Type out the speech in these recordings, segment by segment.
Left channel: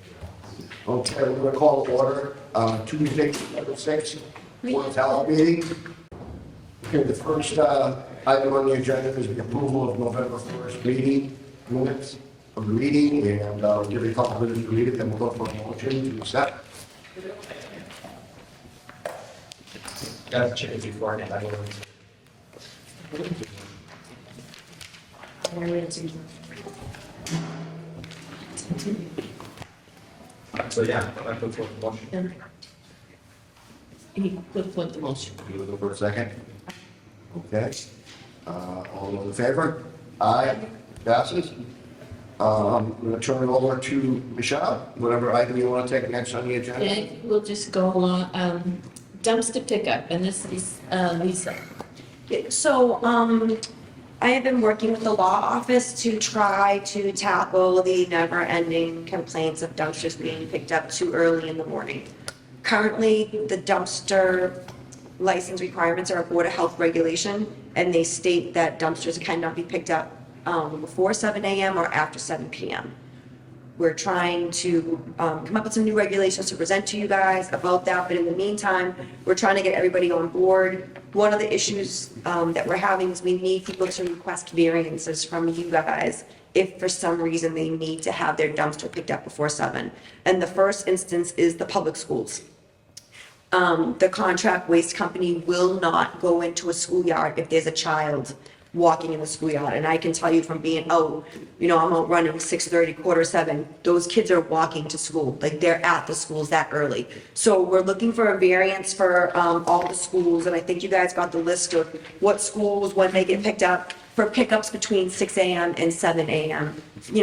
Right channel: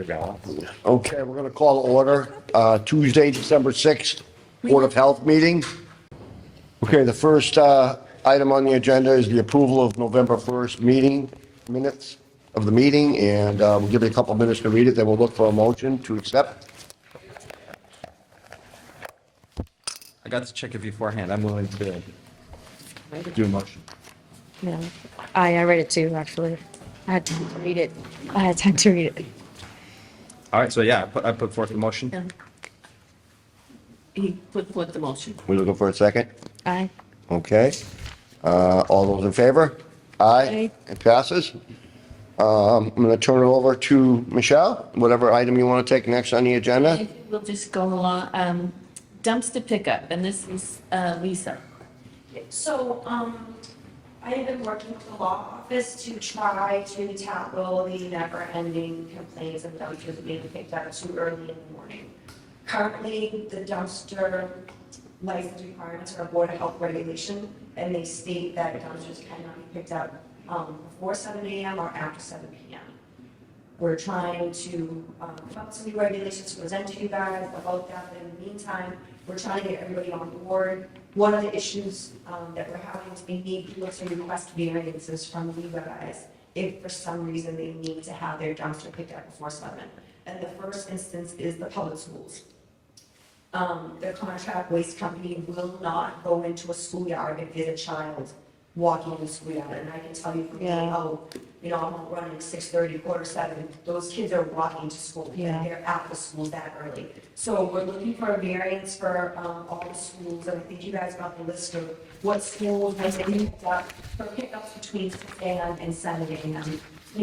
Okay, we're going to call to order Tuesday, December 6th, Board of Health meeting. Okay, the first item on the agenda is the approval of November 1st meeting minutes of the meeting, and we'll give you a couple minutes to read it, then we'll look for a motion to accept. I got to check it beforehand. I'm willing to do a motion. No, I read it too, actually. I had time to read it. I had time to read it. All right, so yeah, I put forth the motion. He put forth the motion. We looking for a second? Aye. Okay. All those in favor? Aye. It passes. I'm going to turn it over to Michelle, whatever item you want to take next on the agenda. And we'll just go along, dumpster pickup, and this is Lisa. So, I have been working with the law office to try to tackle the never-ending complaints of dumpsters being picked up too early in the morning. Currently, the dumpster license requirements are a Board of Health regulation, and they state that dumpsters cannot be picked up before 7 a.m. or after 7 p.m. We're trying to come up with some new regulations to present to you guys about that, but in the meantime, we're trying to get everybody on board. One of the issues that we're having is we need people to request variances from you guys if for some reason they need to have their dumpster picked up before 7. And the first instance is the public schools. The contract waste company will not go into a schoolyard if there's a child walking in the schoolyard. And I can tell you from being out, I'm out running 6:30, 6:45, those kids are walking to school. Like they're at the schools that early. So we're looking for a variance for all the schools. And I think you guys got the list of what schools, when they get picked up, for pickups between 6 a.m. and 7 a.m.,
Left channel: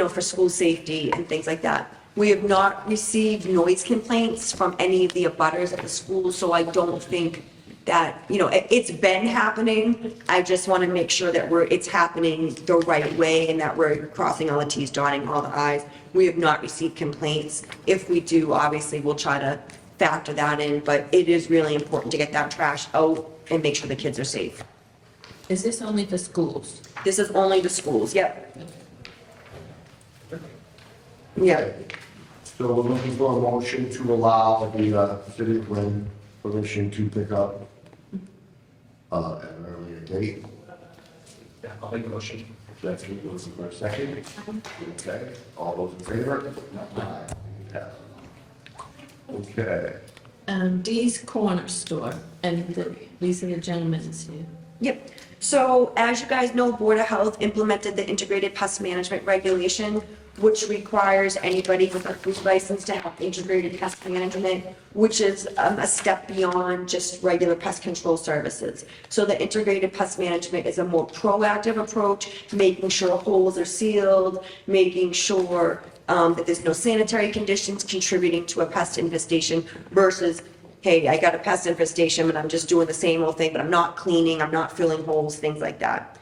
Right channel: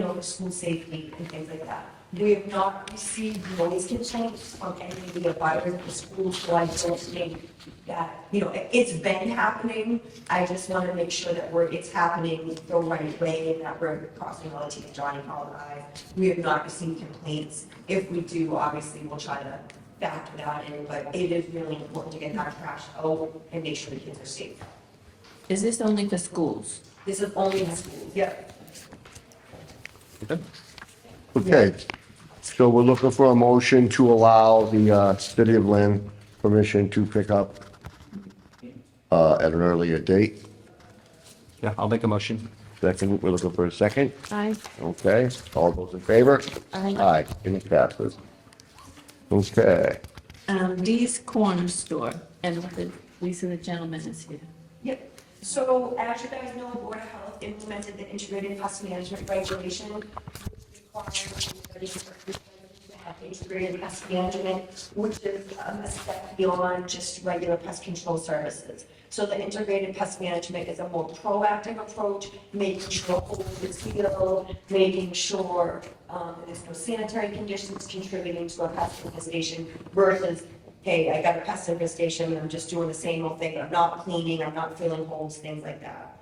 for school safety and things like that. We have not received noise complaints from any of the abutters at the school, so I don't think that, it's been happening. I just want to make sure that it's happening the right way and that we're crossing all the T's, dotting all the I's. We have not received complaints. If we do, obviously, we'll try to factor that in, but it is really important to get that trash out and make sure the kids are safe. Is this only for schools? This is only the schools, yep. Okay, so we're looking for a motion to allow the City of Lynn permission to pick up at an earlier date. Yeah, I'll make a motion. Second, we're looking for a second. Aye. Okay, all those in favor? Aye. Aye, and it passes. Okay, Dee's Corner Store, and Lisa, the gentleman is here. Yep. So as you guys know, Board of Health implemented the integrated pest management regulation, which requires anybody with a food license to have integrated pest management, which is a step beyond just regular pest control services. So the integrated pest management is a more proactive approach, making sure holes are sealed, making sure that there's no sanitary conditions contributing to a pest infestation versus, hey, I got a pest infestation and I'm just doing the same old thing, but I'm not cleaning, I'm not filling holes, things like that.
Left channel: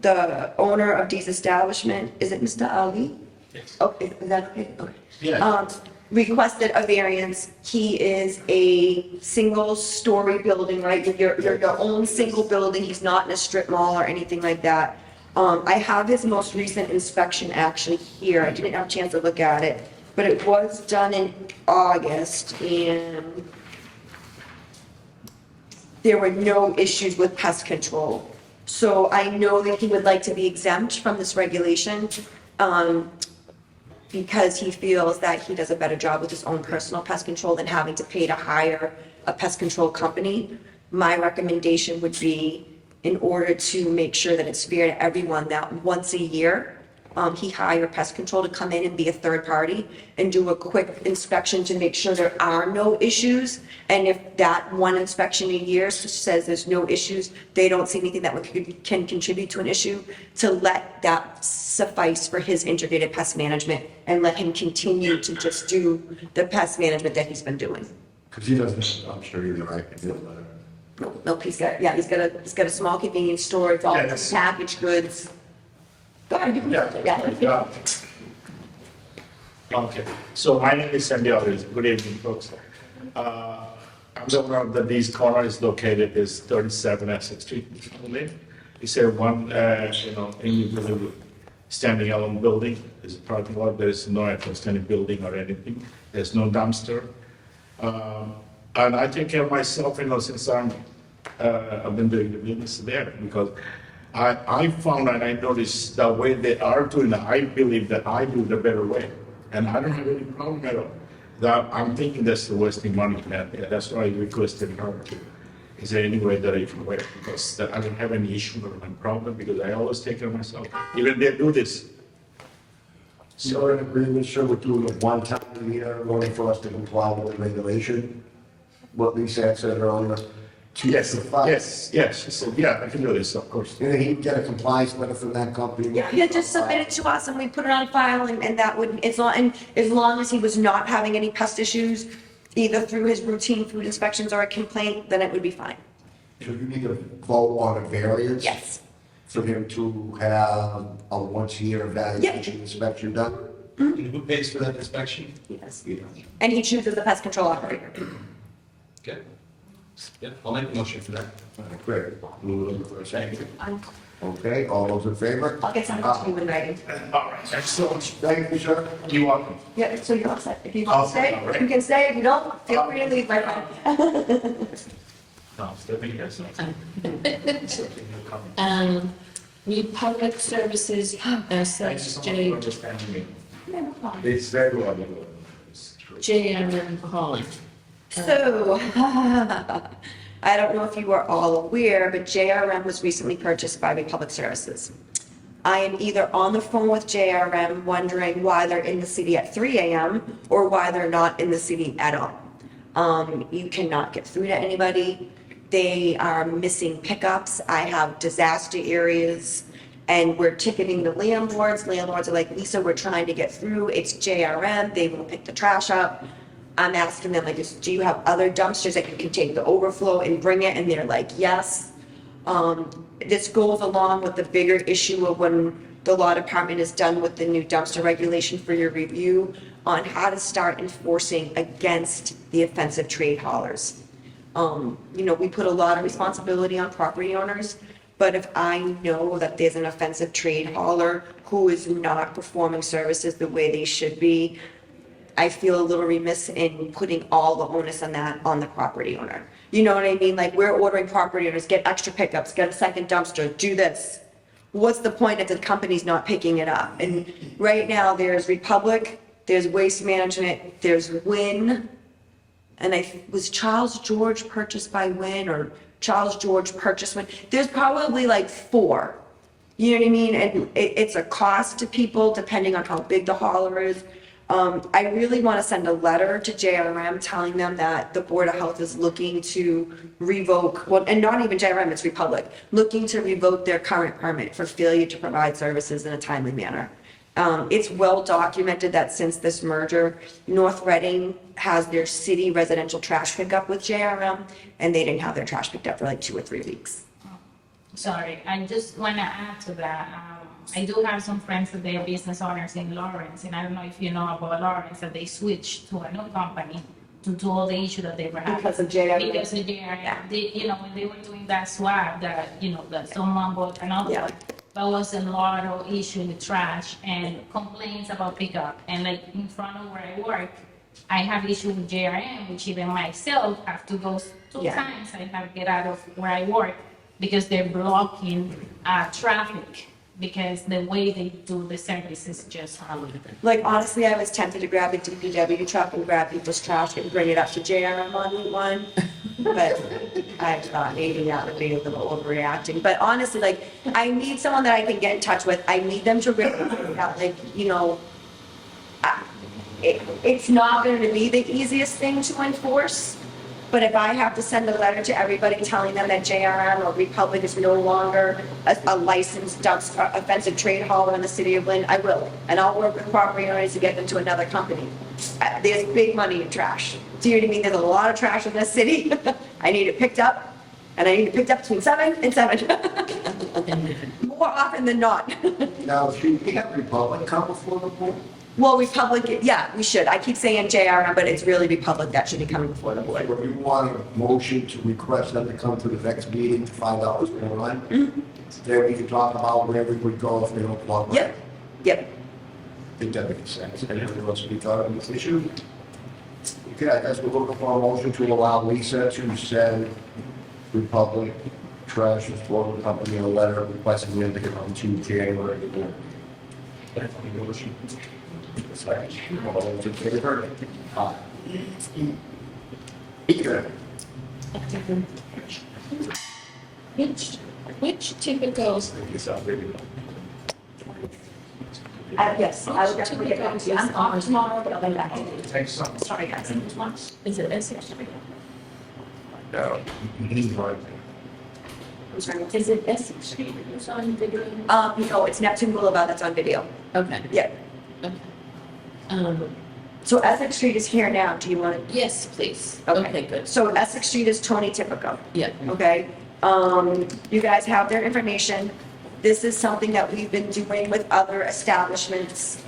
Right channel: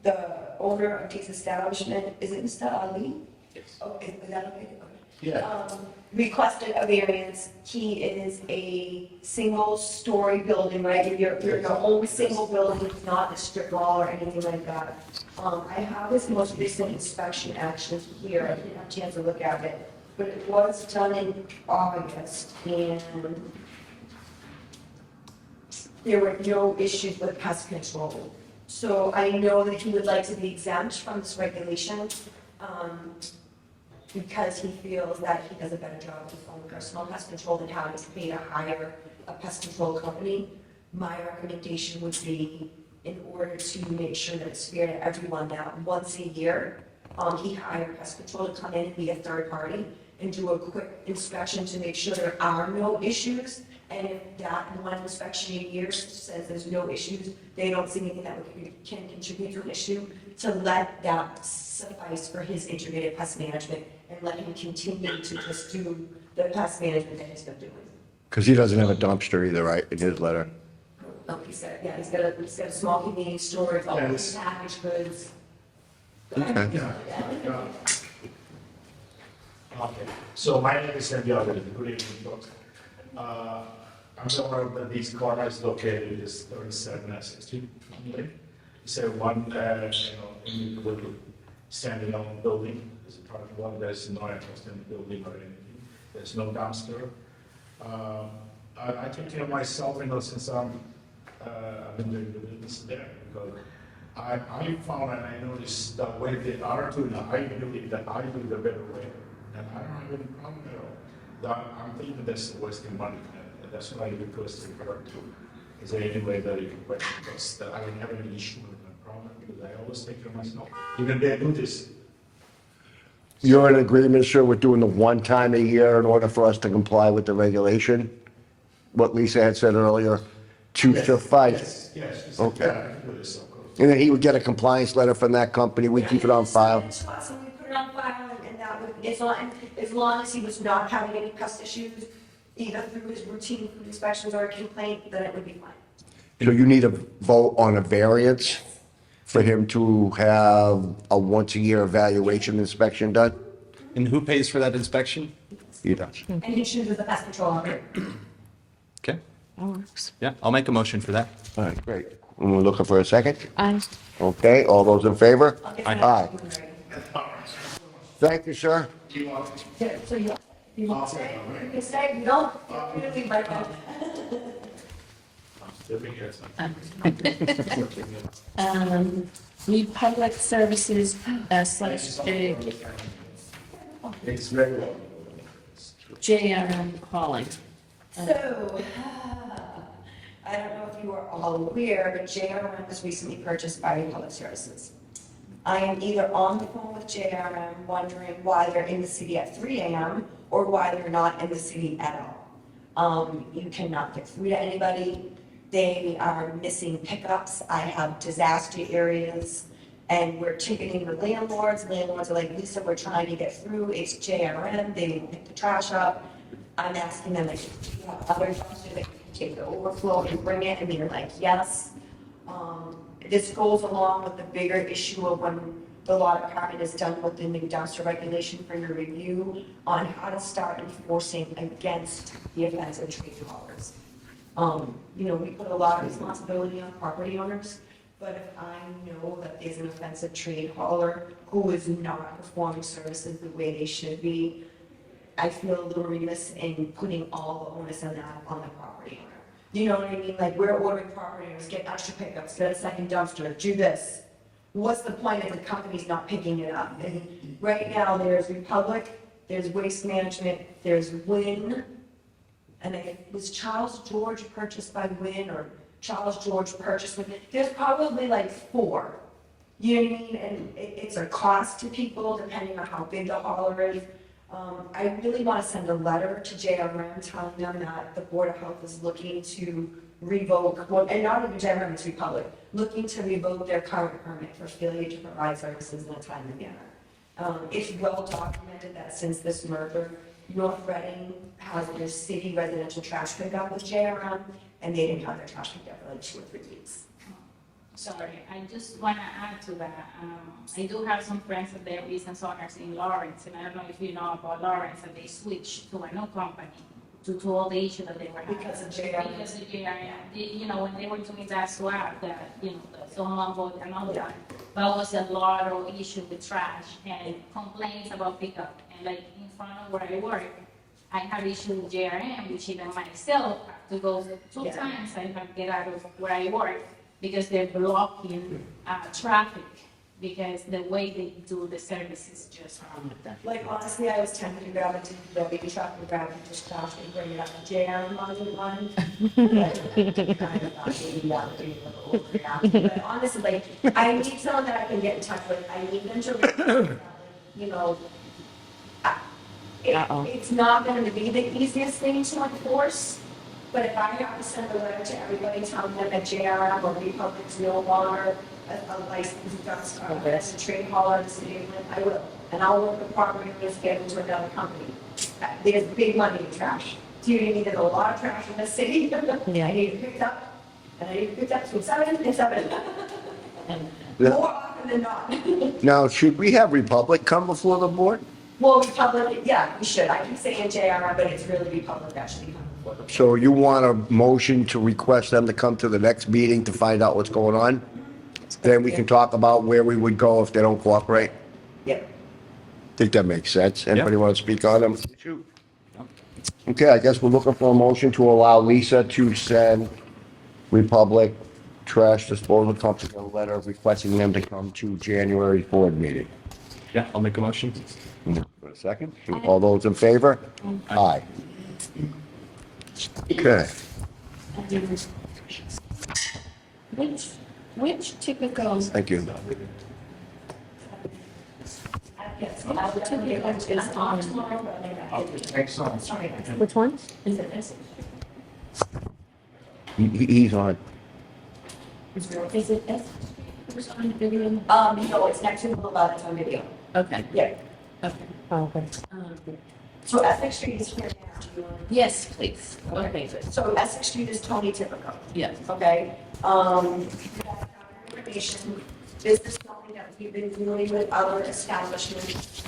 The owner of Dee's establishment, is it Mr. Ali? Yes. Okay, is that okay? Okay. Yeah. Requested a variance. He is a single-story building, right? Your own single building. He's not in a strip mall or anything like that. I have his most recent inspection actually here. I didn't have a chance to look at it, but it was done in August, and there were no issues with pest control. So I know that he would like to be exempt from this regulation because he feels that he does a better job with his own personal pest control than having to pay to hire a pest control company. My recommendation would be, in order to make sure that it's fair to everyone, that once a year, he hire pest control to come in and be a third party and do a quick inspection to make sure there are no issues. And if that one inspection a year says there's no issues, they don't see anything that can contribute to an issue, to let that suffice for his integrated pest management and let him continue to just do the pest management that he's been doing. because he doesn't have a dumpster either, right, in his letter? Nope, he's got a small convenience store, it's all Yes. packaged goods. Go ahead. Yeah. Okay, so my name is Sandy Alvarez. Good evening, folks. I'm the owner of the Dee's Corner is located is 37 Essex Street. It's a one, individual standing alone building. There's a parking lot, there is no entrance to any building or anything, there's no dumpster. And I take care of myself, since I've been doing the business there, because I found and I noticed the way they are doing it, I believe that I do the better way. And I don't have any problem at all. I'm thinking that's wasting money, and that's why I requested her to, is there any way that I can wait? Because I don't have any issue or any problem, because I always take care of myself. Even they do this. You're in agreement, sir, with doing the one time a year in order for us to comply with the regulation? What Lisa had said earlier, to suffice? Yes, Okay. yeah, I can do this, of course. And then he would get a compliance letter from that company, we keep Yeah, it on just submit file. it to us and we put it on file and that would, as long as he was not having any pest issues, either through his routine food inspections or a complaint, then it would be fine. So you need a vote on a variance? Yes. For him to have a once-a-year evaluation inspection done? And who pays for that inspection? He does. He does. And he chooses the pest control operator. Okay, That works. yeah, I'll make a motion for that. All right, great. And we're looking for a second? Aye. Okay, all those in favor? I'll get something to you in writing. All right, excellent. Thank you, sir. You welcome. Yeah, so you're all set. If you I'll want to stay, sit down, you can stay. If you don't, feel free to leave, my friend. No, still be here, so. New public services, slash It's very well. JRM Holland. So, I don't know if you are all aware, but JRM was recently purchased by Republic Services. I am either on the phone with JRM wondering why they're in the city at 3 a.m. or why they're not in the city at all. You cannot get through to anybody. They are missing pickups. I have disaster areas and we're ticketing the landlords. Landlords are like, Lisa, we're trying to get through. It's JRM. They won't pick the trash up. I'm asking them, like, do you have other dumpsters that you can take the overflow and bring it? And they're like, yes. This goes along with the bigger issue of when the law department is done with the new dumpster regulation for your review on how to start enforcing against the offensive trade haulers. We put a lot of responsibility on property owners, but if I know that there's an offensive trade hauler who is not performing services the way they should be, I feel a little remiss in putting all the onus on that on the property owner. You know what I mean? Like, we're ordering property owners, get extra pickups, get a second dumpster, do this. What's the point if the company's not picking it up? And right now, there's Republic, there's Waste Management, there's Win, and was Charles George purchased by Win, or Charles George purchased Win? There's probably like 4. You know what I mean? And it's a cost to people depending on how big the hauler is. I really want to send a letter to JRM telling them that the Board of Health is looking to revoke, well, and not even JRM, it's Republic, looking to revoke their current permit for failure to provide services in a timely manner. It's well documented that since this merger, North Reading has their city residential trash pickup with JRM, and they didn't have their trash picked up for like 2 or 3 weeks. Sorry, I just want to add to that. I do have some friends that they're business owners in Lawrence, and I don't know if you know about Lawrence, that they switched to a new company due to all the issue that they were having. Because of JRM. Because of JRM. Yeah. When they were doing that swap, that someone bought another Yeah. one. That was a lot of issue with trash and complaints about pickup. And like in front of where I work, I have issue with JRM, which even myself have to go 2 Yeah. times. I have to get out of where I work because they're blocking traffic, because the way they do the service is just unbelievable. Like, honestly, I was tempted to grab a DPW truck and grab people's trash and bring it up to JRM on Route 1. But I thought maybe that would be a little overreacting. But honestly, like, I need someone that I can get in touch with. I need them to really, it's not going to be the easiest thing to enforce. But if I have to send a letter to everybody telling them that JRM or Republic is no longer a licensed offensive trade hauler in the city of Lynn, I will. And I'll work with property owners to get them to another company. There's big money in trash. Do you know what I mean? There's a lot of trash in this city. Yeah. I need it picked up, and I need it picked up between 7 and 7. More often than not. Now, should we have Republic come before the board? Well, Republic, yeah, we should. I keep saying JRM, but it's really Republic that should be coming before the board. So you want a motion to request them to come to the next meeting to find out what's going on? Then we can talk about where we would go if they don't cooperate. Yep. think that makes sense. Anybody want to speak on the issue? Okay, I guess we're looking for a motion to allow Lisa to send Republic Trash Disposal Company a letter requesting them to come to January's board meeting. Yeah, I'll make a motion. Second. All those in favor? Aye. Okay. Which typical, Thank you. Yes, I will definitely get back to you. I'm off tomorrow, but I'll be back. Thanks so much. Sorry, guys. Which one? is it Essex? No, he's on. I'm sorry. Is it Essex Street who's on video? No, it's Neptune Boulevard that's on video. Okay, Yeah. okay. Oh, okay. So Essex Street is here now. Do you want to? Yes, please. Okay, good. So Essex Street is Tony Tipico. Yeah. Okay? You guys have their information. This is something that we've been doing with other establishments.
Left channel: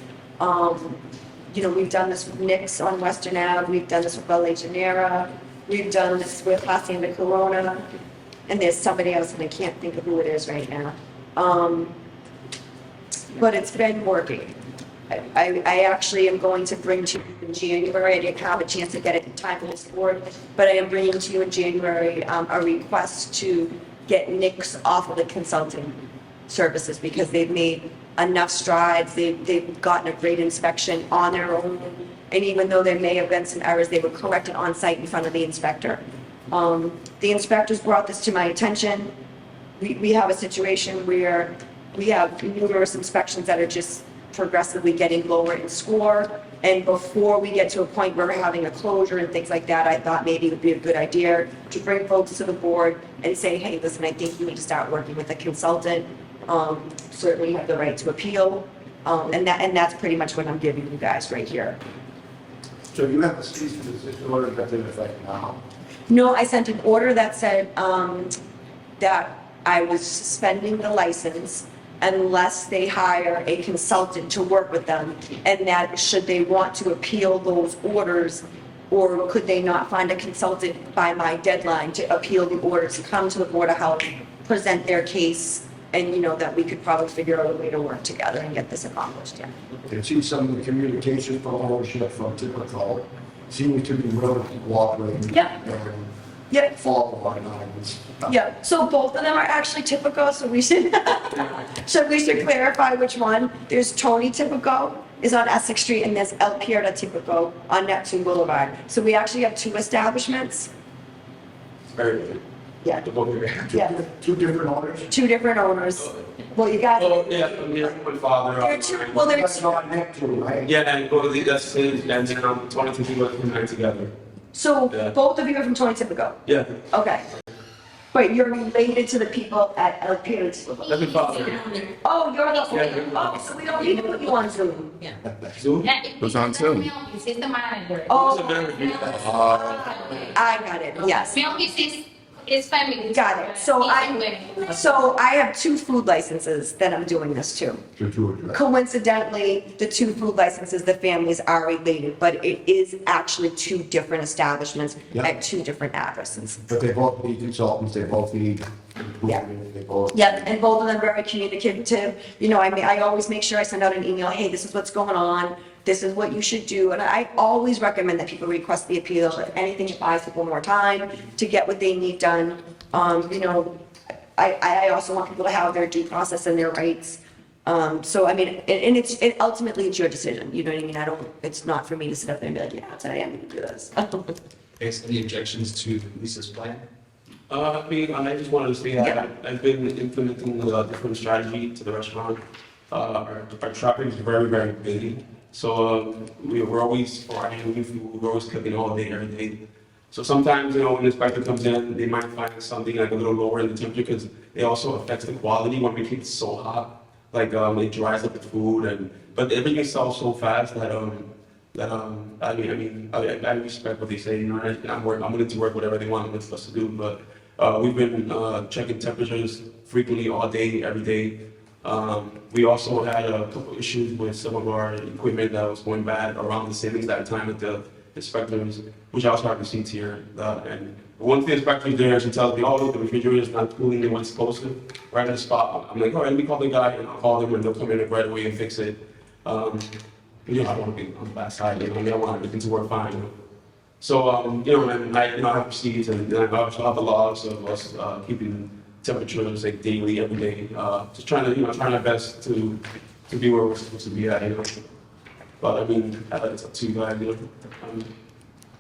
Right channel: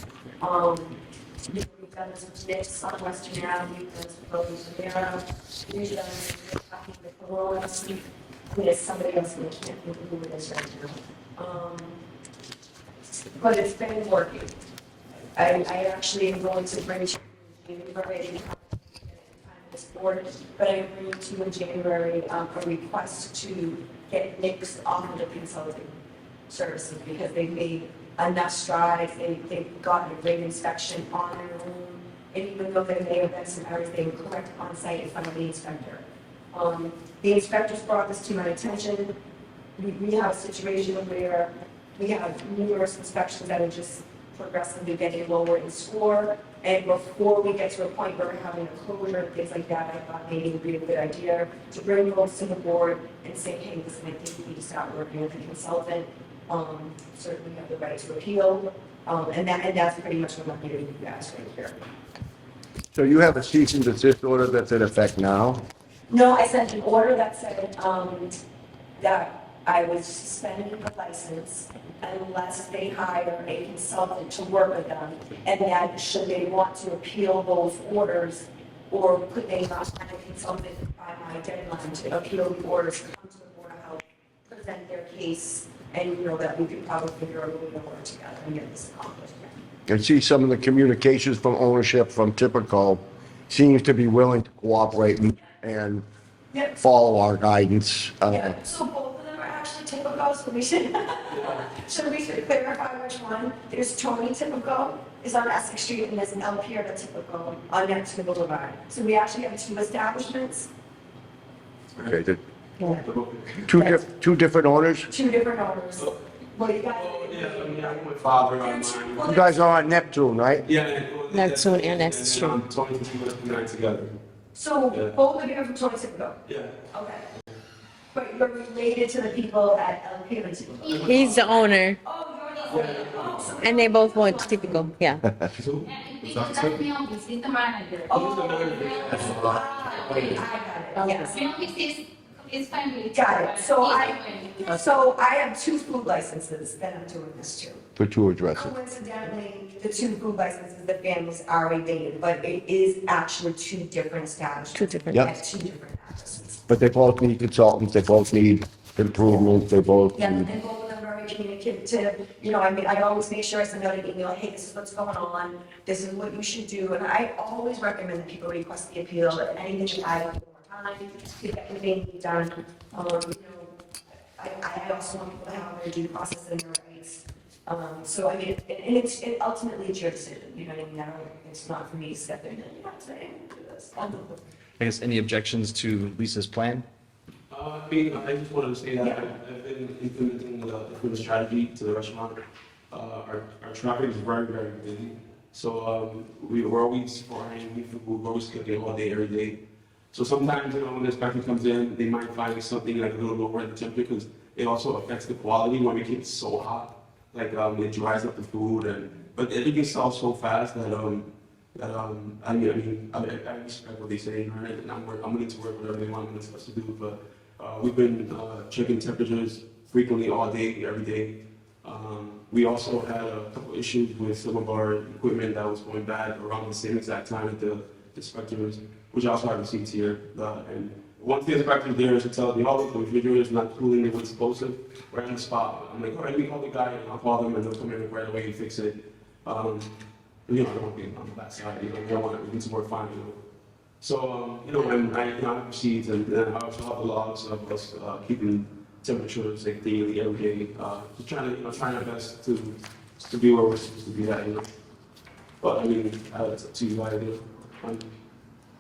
We've done this with Nick's on Western Ave, we've done this with La Legionera, we've done this with Hacienda Corona, and there's somebody else, and I can't think of who it is right now. But it's been working. I actually am going to bring to you in January, I didn't have a chance to get it in time for this board, but I am bringing to you in January a request to get Nick's off of the consulting services because they've made enough strides, they've gotten a great inspection on their own, and even though there may have been some errors, they were corrected on site in front of the inspector. The inspectors brought this to my attention. We have a situation where we have numerous inspections that are just progressively getting lower in score, and before we get to a point where we're having a closure and things like that, I thought maybe it would be a good idea to bring folks to the board and say, hey, listen, I think you need to start working with a consultant. Certainly you have the right to appeal, and that's pretty much what I'm giving you guys right here. So you have a cease and desist order that's in effect now? No, I sent an order that said that I was suspending the license unless they hire a consultant to work with them, and that should they want to appeal those orders, or could they not find a consultant by my deadline to appeal the orders, come to the Board of Health, present their case, and that we could probably figure out a way to work together and get this accomplished, yeah. I see some of the communications from ownership from Typical seems to be willing to cooperate Yeah. and Yeah. follow our guidance. Yeah, so both of them are actually Typico, so we should, we should clarify which one. There's Tony Typico is on Essex Street, and there's El Pierda Typico on Neptune Boulevard. So we actually have two establishments. Very good. Yeah. Two different owners? Two different owners. Well, you got. Well, yeah, I'm here with my father. There are two- well, You there's- guys are on Neptune, right? Yeah, and both of these That's that's what- changed, and and that's then I'm 20 to us putting that together. So Yeah. both of you are from Tony Typico? Yeah. Okay. But you're related to the people at El Pierda Typico? He's the owner, Oh, you're the owner? Yeah. Oh, so we don't and they need both to put want you on people Zoom. go, yeah. Zoom? Yeah, Goes on that's too. Milky, he's the manager. Oh, Who's the manager? I got it, yes. Milky is his family. Got it. So I. I have two food licenses that I'm doing this to. For two addresses. Coincidentally, the two food licenses, the families are related, but it is actually two different establishments Two different- Yeah. at two different addresses. But they both need consultants, they both need improvements, they both. Yeah, and both of them very communicative. I always make sure I send out an email, hey, this is what's going on, this is what you should do. And I always recommend that people request the appeal, if anything, it buys people more time to get what they need done. I also want people to have their due process and their rights. It ultimately it's your decision, you know what I mean? It's not for me to sit up there and be like, yeah, today I'm gonna do this. I guess any objections to Lisa's plan? I just wanted to say that Yeah. I've been implementing a different strategy to the restaurant. Our traffic is very, very busy. So we're always ordering new food, we're always cooking all day, every day. So sometimes, when the inspector comes in, they might find something like a little lower in the temperature because it also affects the quality when we keep it so hot. Like it dries up the food, but everything sells so fast that I respect what they say, and I'm willing to work whatever they want us to do. But we've been checking temperatures frequently all day, every day. We also had a couple issues with some of our equipment that was going bad around the same exact time at the inspectors, which I also have receipts here. And once the inspector's there, she tells me, oh, look, the refrigerator's not cooling the way it's supposed to, right on the spot. I'm like, all right, let me call the guy, and I'll call them, and they'll come in right away and fix it. You know, I don't want to be on the bad side, you know, I want everything to work fine, you know. So, you know, and I have receipts and I also have the logs of us keeping temperatures like daily, every day, just trying to, you know, trying our best to be where we're supposed to be at, you know. But I mean, it's up to you guys, you know. I'm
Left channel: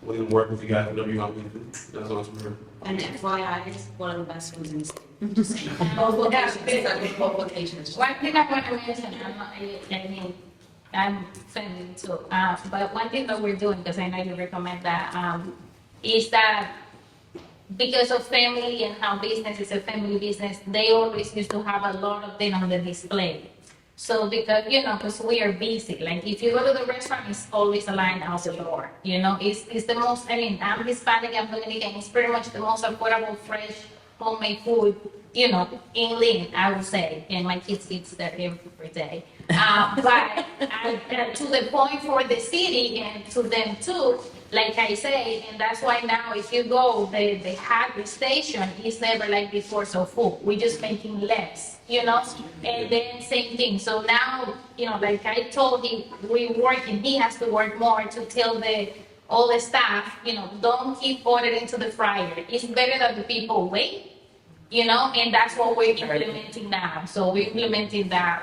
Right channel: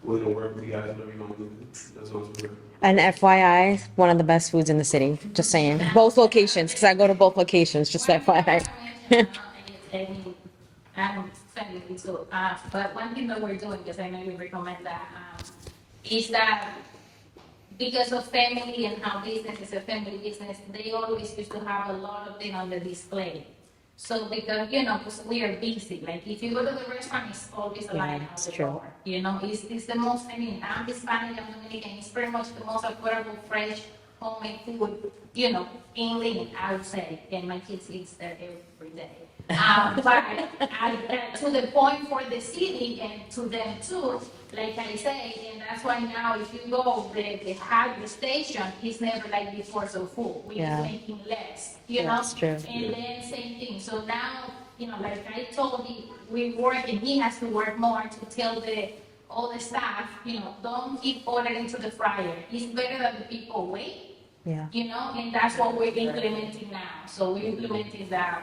willing to work with you guys, whatever you want me to do. That's all I'm And FYI, one of the best foods in the city, just saying. Both locations, because I go to both locations, just One thing I want FYI. to mention, I mean, I'm friendly too, but one thing that we're doing, because I know you recommend that, is that because of family and how business is a family business, they always used to have a lot of them on the display. So because, you know, because we are busy, like if you go to the restaurant, it's always a line out the door. You know, it's the most, I mean, I'm Hispanic and Dominican, it's pretty much the most affordable, fresh, homemade food, you know, in Lynn, I would say, and my kids eat there every day. But to the point for the city and to them too, like I say, and that's why now if you go, the hardware station is never like before so full. We're just Yeah. making less, you know? That's true. And then same thing. So now, you know, like I told him, we work and he has to work more to tell all the staff, you know, don't keep ordering to the fryer. It's better that the people wait, Yeah. you know, and that's what we're implementing now. So we're implementing that.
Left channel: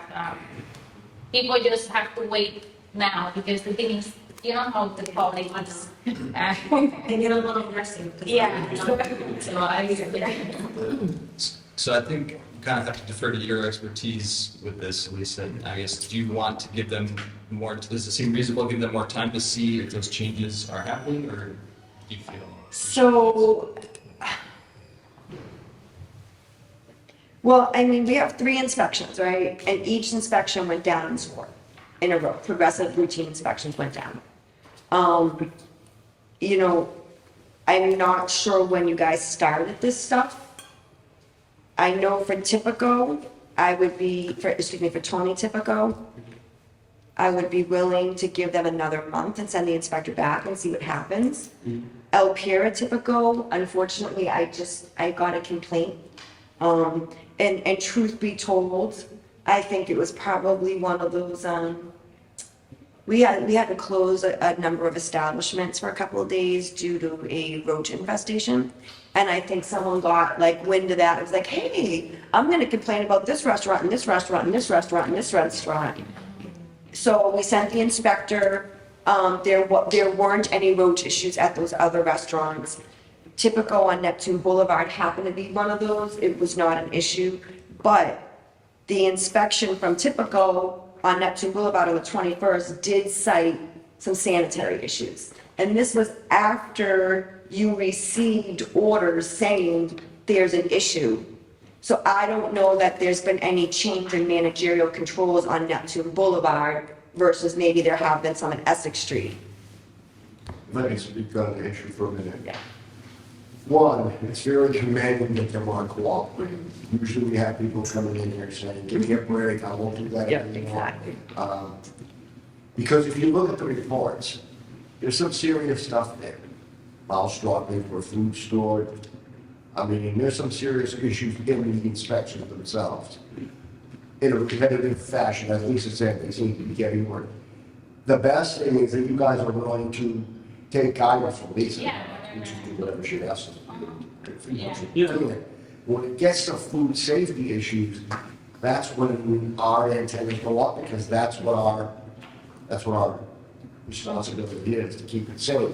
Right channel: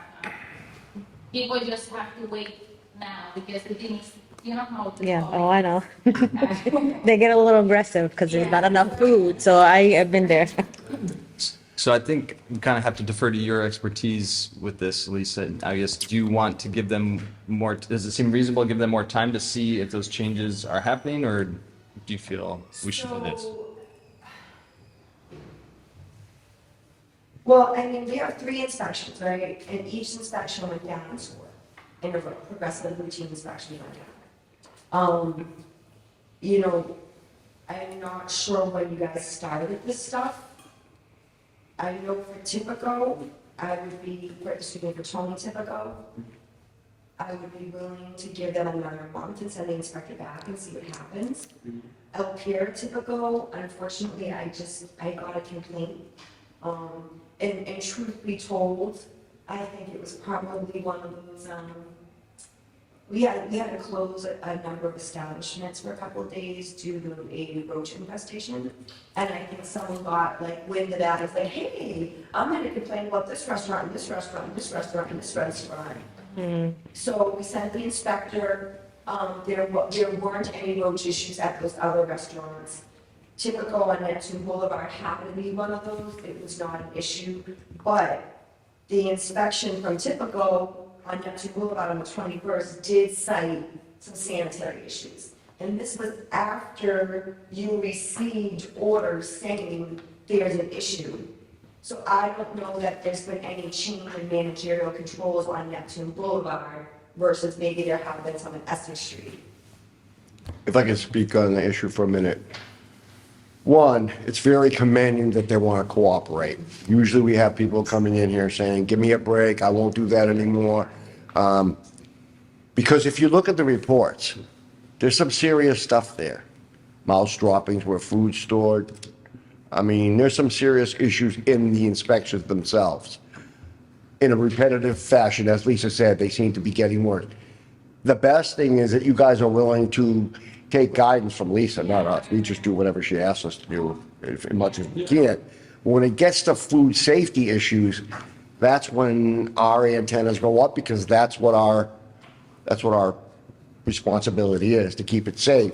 People just have to wait now because the thing is, you know how the Yeah, public oh, I know. is. They get a little aggressive because Yeah. there's not enough food, so I have been there. So I think we kind of have to defer to your expertise with this, Lisa. I guess, do you want to give them more, does it seem reasonable to give them more time to see if those changes are happening, or do you feel we should? So, well, I mean, we have 3 inspections, right? And each inspection went down in score in a row. Progressive routine inspections went down. You know, I'm not sure when you guys started this stuff. I know for Tipico, for Tony Tipico, I would be willing to give them another month and send the inspector back and see what happens. El Pira Tipico, unfortunately, I got a complaint. And truth be told, I think it was probably one of those, we had to close a number of establishments for a couple of days due to a roach infestation. And I think someone got like wind of that and was like, hey, I'm gonna complain about this restaurant and this restaurant and this restaurant and this restaurant. So we sent the inspector, there weren't any roach issues at those other restaurants. Typical on Neptune Boulevard happened to be one of those, it was not an issue. But the inspection from Typical on Neptune Boulevard on the 21st did cite some sanitary issues. And this was after you received orders saying there's an issue. So I don't know that there's been any change in managerial controls on Neptune Boulevard versus maybe there have been some on Essex Street. If I can speak on the issue for a minute. Yeah. One, it's very commending that they want to cooperate. Usually we have people coming in here saying, give me a break, I won't do that Yeah, anymore. exactly. Because if you look at the reports, there's some serious stuff there. Mouse droppings where food's stored. I mean, there's some serious issues in the inspections themselves. In a repetitive fashion, as Lisa said, they seem to be getting worse. The best thing is that you guys are willing to take guidance from Lisa, not us. We just do whatever she asks us to do, as much as we can. When it gets to food safety issues, that's when our antennas go up, because that's what our responsibility is, to keep it safe.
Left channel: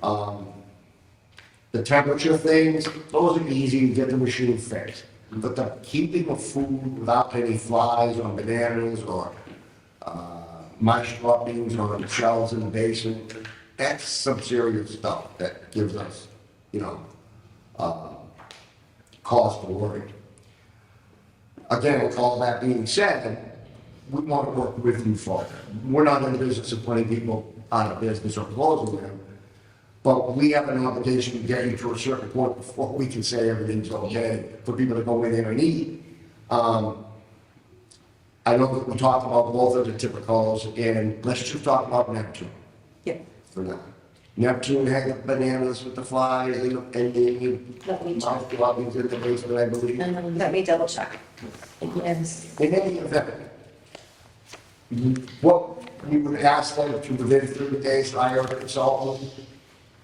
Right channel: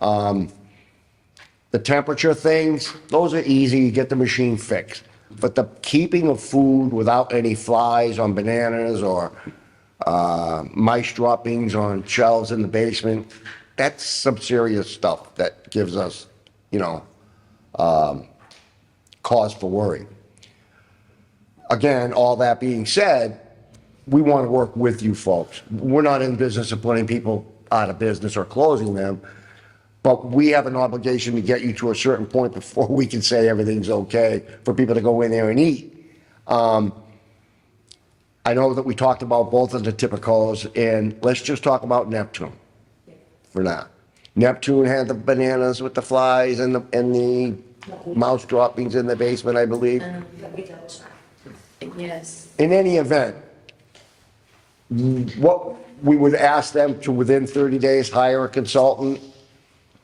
The temperature things, those are easy, you get the machine fixed. But the keeping of food without any flies on bananas or mice droppings on shelves in the basement, that's some serious stuff that gives us, cause for worry. Again, all that being said, we want to work with you folks. We're not in the business of putting people out of business or closing them, but we have an obligation to get you to a certain point before we can say everything's okay for people to go in there and eat. I know that we talked about both of the typicals, and let's just talk about Neptune Yeah. for now. Neptune had the bananas with the flies and the mouse droppings in the basement, I believe. Let me double check. Yes. In any event, what, we would ask them to, within 30 days, hire a consultant,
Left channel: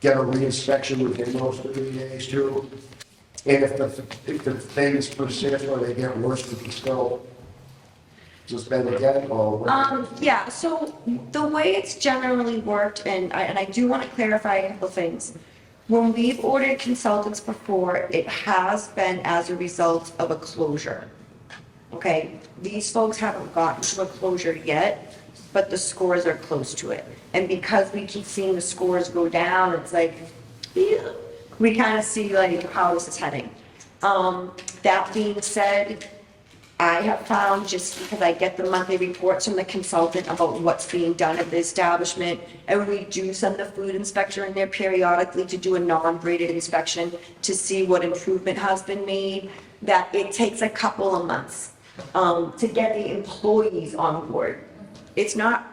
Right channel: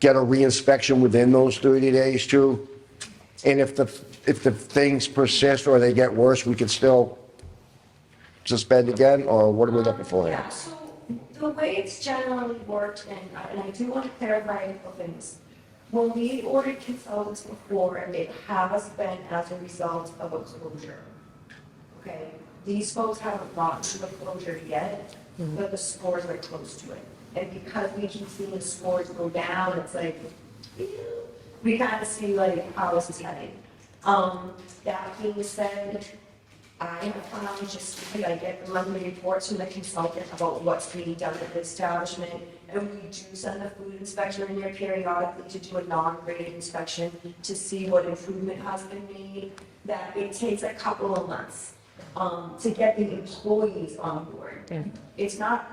get a reinspection within those 30 days too. And if the things persist or they get worse, we can still suspend again, or what are we looking for? Yeah, so the way it's generally worked, and I do want to clarify a couple things. When we've ordered consultants before, it has been as a result of a closure. Okay, these folks haven't gotten to a closure yet, but the scores are close to it. And because we keep seeing the scores go down, it's like, ew, we kind of see like how this is heading. That being said, I have found, just because I get the monthly reports from the consultant about what's being done at the establishment, and we do send the food inspector in there periodically to do a non-graded inspection to see what improvement has been made, that it takes a couple of months to get the employees on board. It's not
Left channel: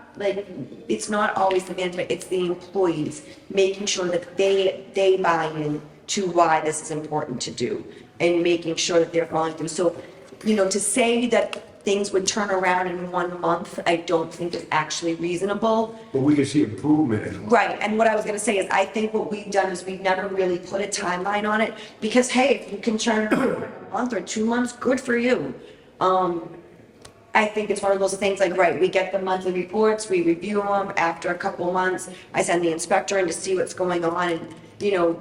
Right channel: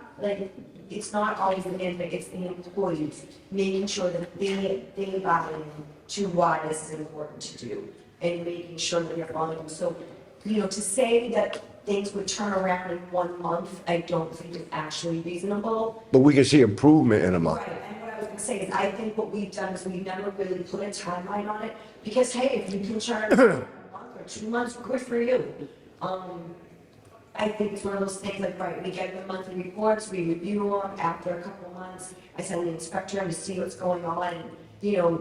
always the management, it's the employees, making sure that they buy in to why this is important to do, and making sure that they're following through. So, to say that things would turn around in 1 month, I don't think is actually reasonable. But we can see improvement in a month. Right, and what I was gonna say is, I think what we've done is we've never really put a timeline on it, because hey, if you can turn a month or 2 months, good for you. I think it's one of those things like, right, we get the monthly reports, we review them, after a couple months, I send the inspector in to see what's going on, and,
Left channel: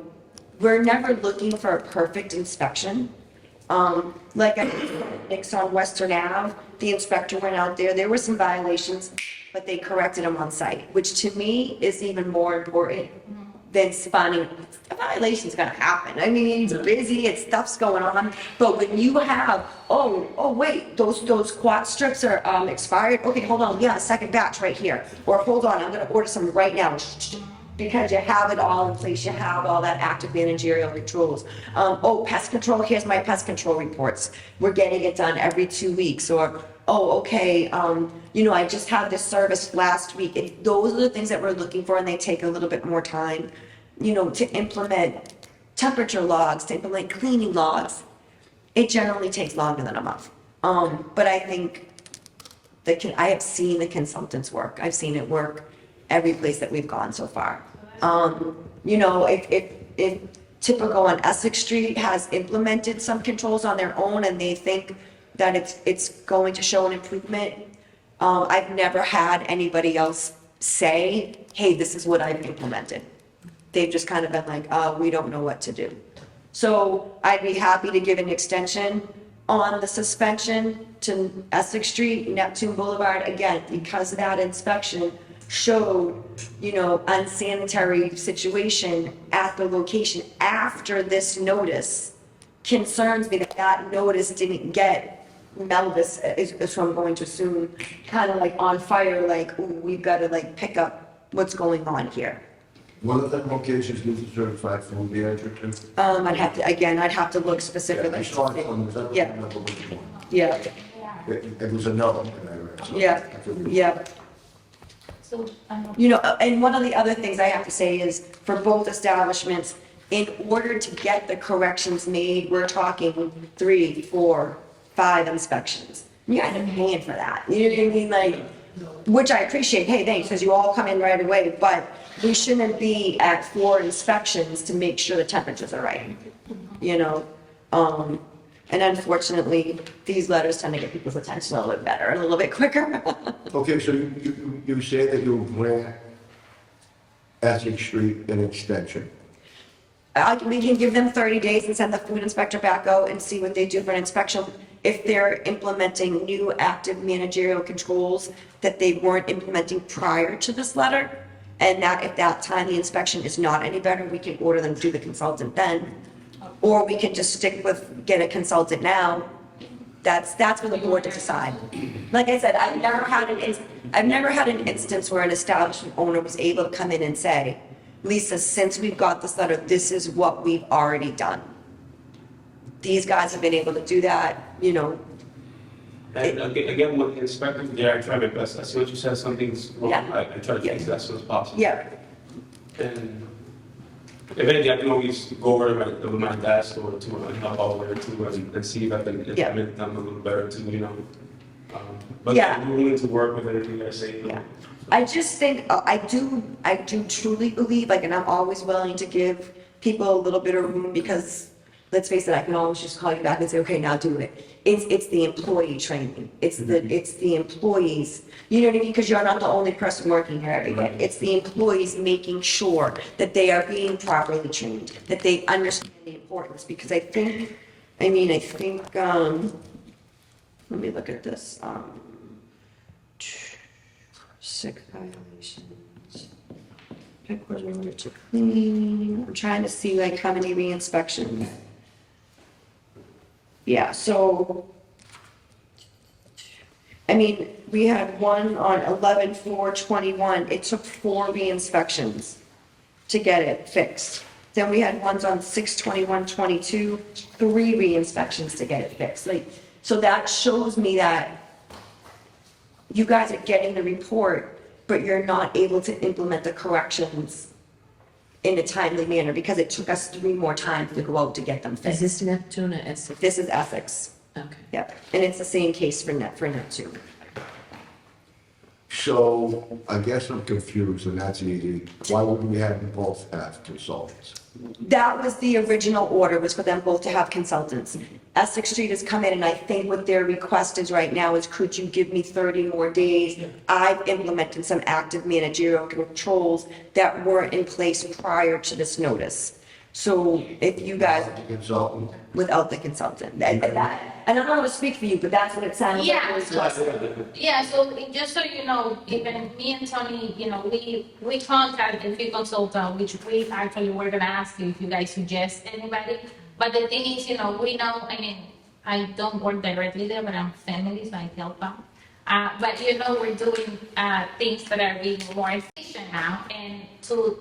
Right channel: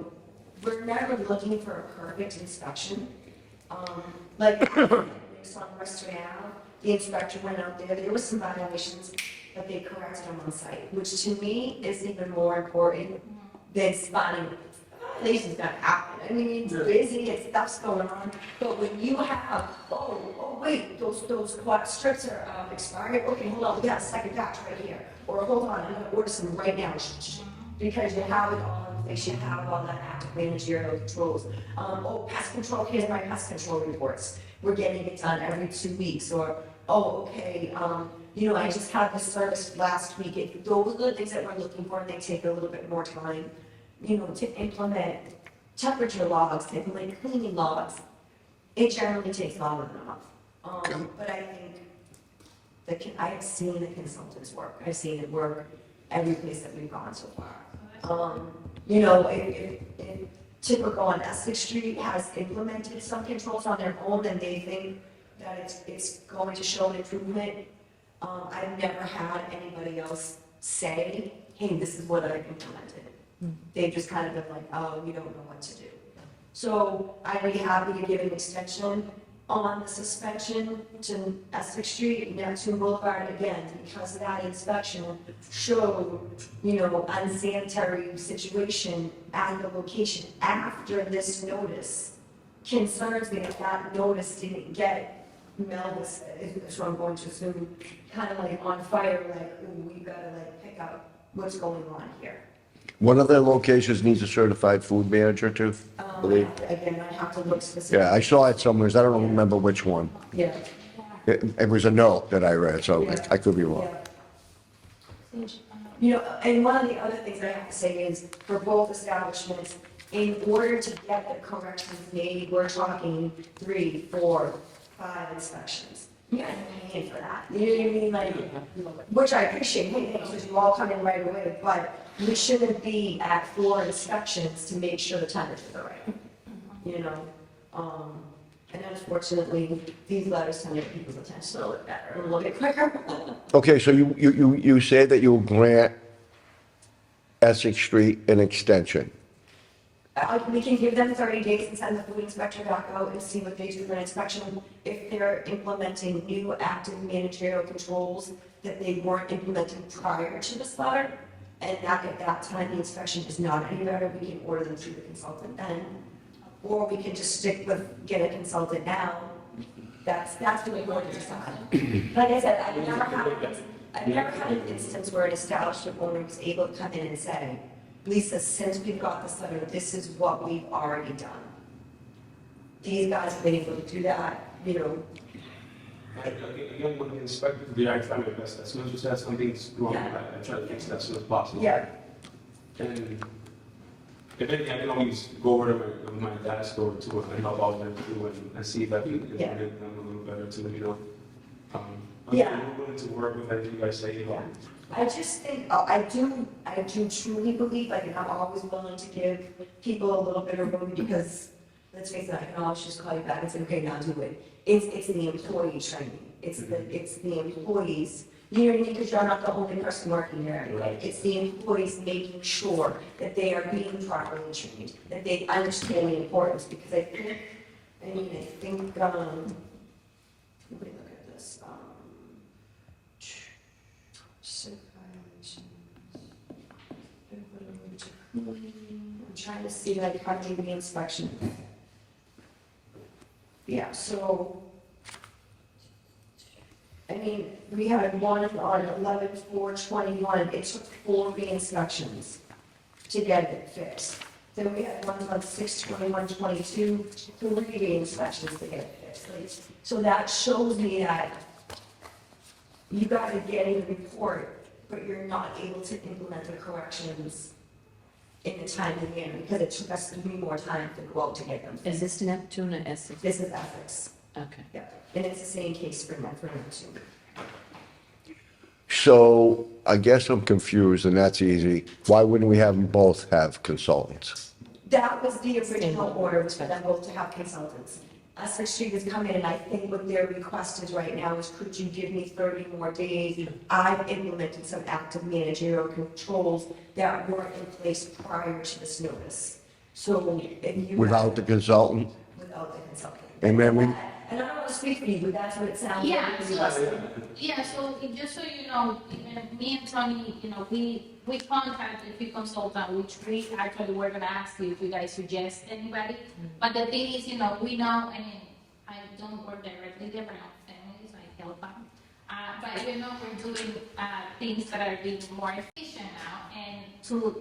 we're never looking for a perfect inspection. Like I Nick's on Western Ave, the inspector went out there were some violations, but they corrected them on site, which to me is even more important than spotting. A violation's gonna happen, I mean, it's busy, stuff's going on, but when you have, oh wait, those quad strips are expired, okay, hold on, we got a second batch right here, or hold on, I'm gonna order some right now, because you have it all in place, you have all that active managerial controls. Pest control, here's my pest control reports, we're getting it done every 2 weeks, or, okay, I just had this service last week. Those are the things that we're looking for, and they take a little bit more time, to implement temperature logs, to implement cleaning logs. It generally takes longer than a month. But I think I have seen the consultants work, I've seen it work every place that we've gone so far. If typical on Essex Street has implemented some controls on their own and they think that it's going to show an improvement, I've never had anybody else say, hey, this is what I've implemented. They've just kind of been like, we don't know what to do. So I'd be happy to give an extension on the suspension to Essex Street, Neptune Boulevard, again, because that inspection showed, unsanitary situation at the location after this notice. Concerns me that notice didn't get Melvis, is what I'm going to assume, kind of like on fire, like, ooh, we've got to like pick up what's going on here. One of the locations needs a certified food manager too? I'd have to look specifically. Yeah, I saw it somewhere, I don't Yeah. remember which one. Yeah, It was a note that I read, so Yeah. I could be wrong. yeah. So, And one of the other things I have to say is, for both establishments, in order to get the corrections made, we're talking 3, 4, 5 inspections. You guys are paying for that, you know what I mean, like, which I appreciate, hey, thanks, because you all come in right away, but we shouldn't be at 4 inspections to make sure the temperatures are right, And unfortunately, these letters tend to get people's attention a little bit better and a little bit quicker. Okay, so you say that you'll grant Essex Street an extension. We can give them 30 days and send the food inspector back out and see what they do for an inspection. If they're implementing new active managerial controls that they weren't implementing prior to this letter, and that if that time the inspection is not any better, we can order them to do the consultant then. Or we can just stick with, get a consultant now. That's for the board to decide. Like I said, I've never had an instance where an establishment owner was able to come in and say, Lisa, since we've got this letter, this is what we've already done. These guys have been able to do that, And again, with the inspector, I try my best. As soon as you said something's wrong, Yeah. I try to fix it as soon as possible. Yeah, And if anything, I can always go over to my dad's store too and help out there too and see if I can Yeah. implement them a little better too, But Yeah. I'm willing to work with anything you guys say. Yeah. I just think, I do truly believe, like, and I'm always willing to give people a little bit of room because, let's face it, I can always just call you back and say, okay, now do it. It's the employee training. It's the employees, you know what I mean? Because you're not the only person working here every day. It's the employees making sure that they are being properly trained, that they understand the importance, because I think, let me look at this, sick violations. Headquarters order to clean. I'm trying to see like how many re-inspections. Yeah, so, I mean, we had one on 11/4/21. It took 4 re-inspections to get it fixed. Then we had ones on 6/21/22, 3 re-inspections to get it fixed. Like, so that shows me that you guys are getting the report, but you're not able to implement the corrections in a timely manner because it took us 3 more times to go out to get them Is fixed. this Neptune or Essex? This is ethics. Okay. Yep, and it's the same case for Neptune. So I guess I'm confused, and that's easy. Why wouldn't we have them both have consultants? That was the original order, was for them both to have consultants. Essex Street has come in, and I think what their request is right now is, could you give me 30 more days? I've implemented some active managerial controls that weren't in place prior to this notice. So if you guys, Without the consultant? without the consultant. And then we- And I don't want to speak for you, but that's what it sounds like. Yeah. it was. Yeah, so just so you know, even me and Tony, we contacted a few consultants, which we actually were gonna ask you if you guys suggest anybody. But the thing is, we know, I mean, I don't work directly there, but I'm family, so I help out. But we're doing, things that are being more efficient now. And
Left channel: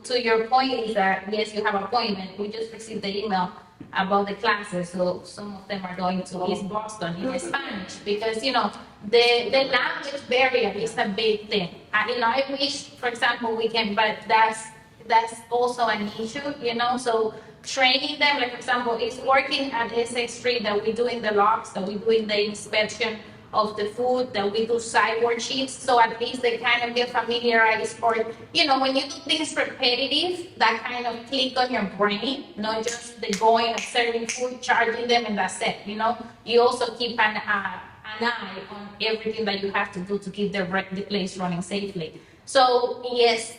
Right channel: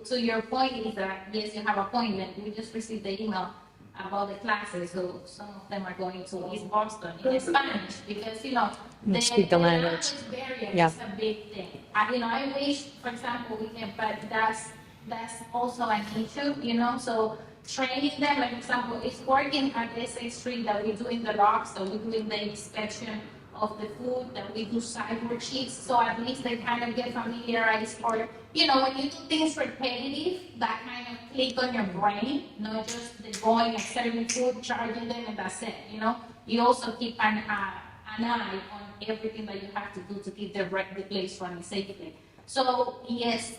to your point is that, yes, you have an appointment. We just received the email about the classes, so some of them are going to East Boston in Spanish, because, the Speak the language. language barrier is a big thing. I wish, for example, we can, but that's also an issue, so training them, like, for example, it's working at Essex Street that we're doing the logs, that we're doing the inspection of the food, that we do sideboard sheets, so at least they kind of get familiarized, or, when you do things repetitive, that kind of click on your brain, not just the going and serving food, charging them, and that's it, You also keep an eye on everything that you have to do to keep the place running safely. So, yes,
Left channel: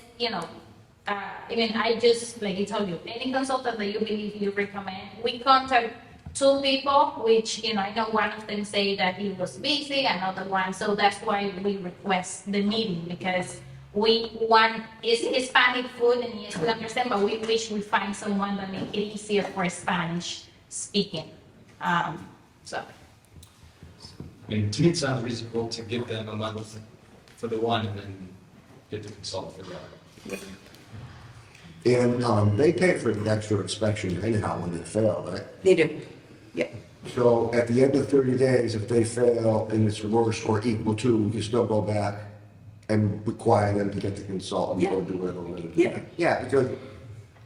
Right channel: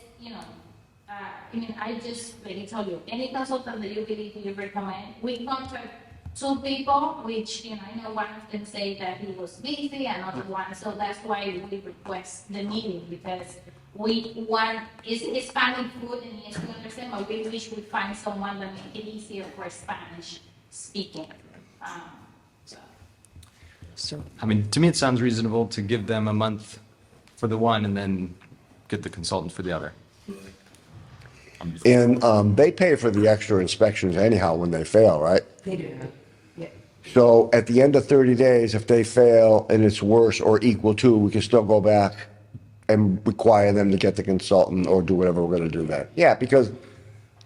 I just, like I told you, any consultant that you believe you recommend, we contact 2 people, which, I know one of them say that he was busy, another one, so that's why we request the meeting, because is Hispanic food, and yes, we understand, but we wish we find someone that make it easier for Spanish speaking, So, I mean, to me, it sounds reasonable to give them a month for the one and then get the consultant for the other. And they pay for the extra inspections anyhow when they fail, right? They do, yeah. So at the end of 30 days, if they fail and it's worse or equal to, we can still go back and require them to get the consultant or do whatever we're gonna do Yeah. then. Yeah, because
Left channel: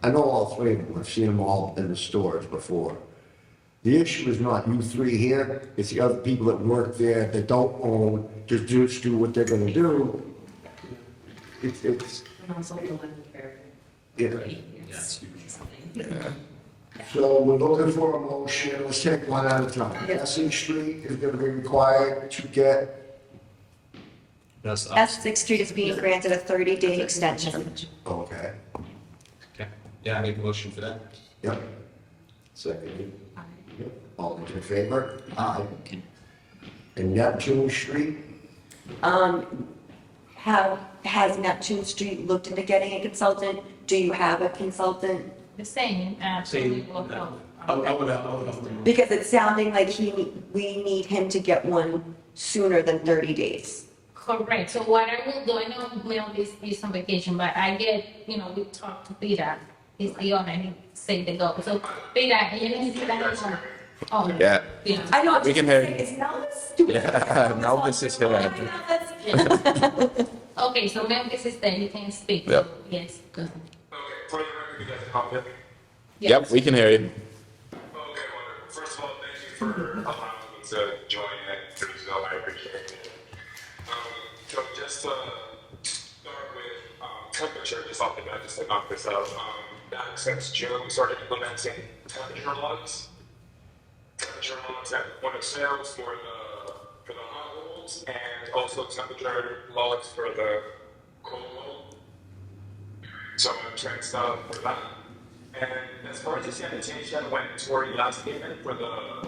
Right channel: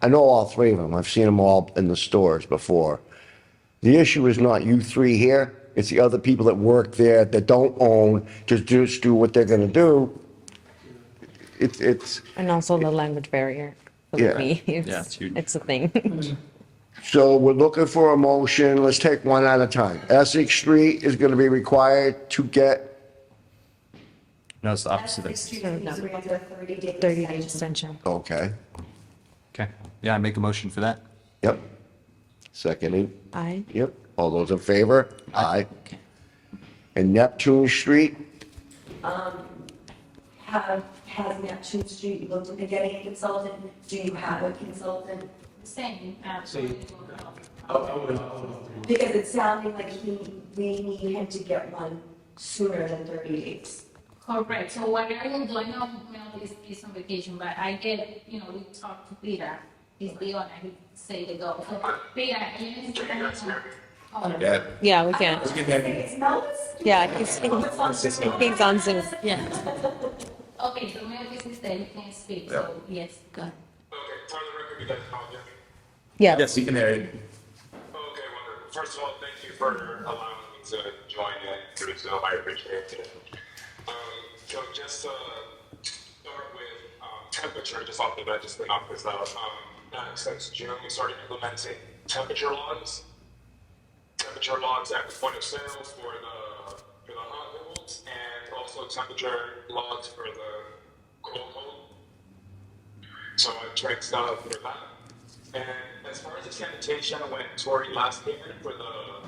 I know all 3 of them. I've seen them all in the stores before. The issue is not you 3 here, it's the other people that work there that don't own, just do what they're gonna do. It's, and also the language barrier. Yeah. For me, Yeah, it's huge. it's a thing. so we're looking for a motion, let's take one at a time. Essex Street is gonna be required to get, No, it's the opposite. Essex Street is being granted a 30-day 30-day extension. extension. okay, Okay, yeah, I make a motion for that. yep. Seconding, Aye. yep, all those in favor? Aye. And Neptune Street, Has Neptune Street looked into getting a consultant? Do you have a consultant? the same, Same. I would love to. Because it's sounding like we need him to get one sooner than 30 days. Correct, so what I will do, I know Mel is on vacation, but I get, we talked to Peter, he's the owner, he say to go, so Peter, you need to let us know. Oh, yeah, Yeah, we I know, can. we can hear. It's Melvis? Yeah, Elvis is here. King's on Zoom. okay, so Memphis is there, you can speak, Yep. so, yes, go ahead. Okay, for the record, you guys copy it? Yeah. Yep, we can hear you. Okay, wonderful. First of all, thank you for allowing me to join and do so. I appreciate it. So just to start with temperature, just off the bat, just to knock this out. Back since June, we started implementing temperature logs. Temperature logs at the point of sales for the hot rolls, and also temperature logs for the cold roll. So I'm trained stuff for that. And as far as the sanitation, when Tori last came in for the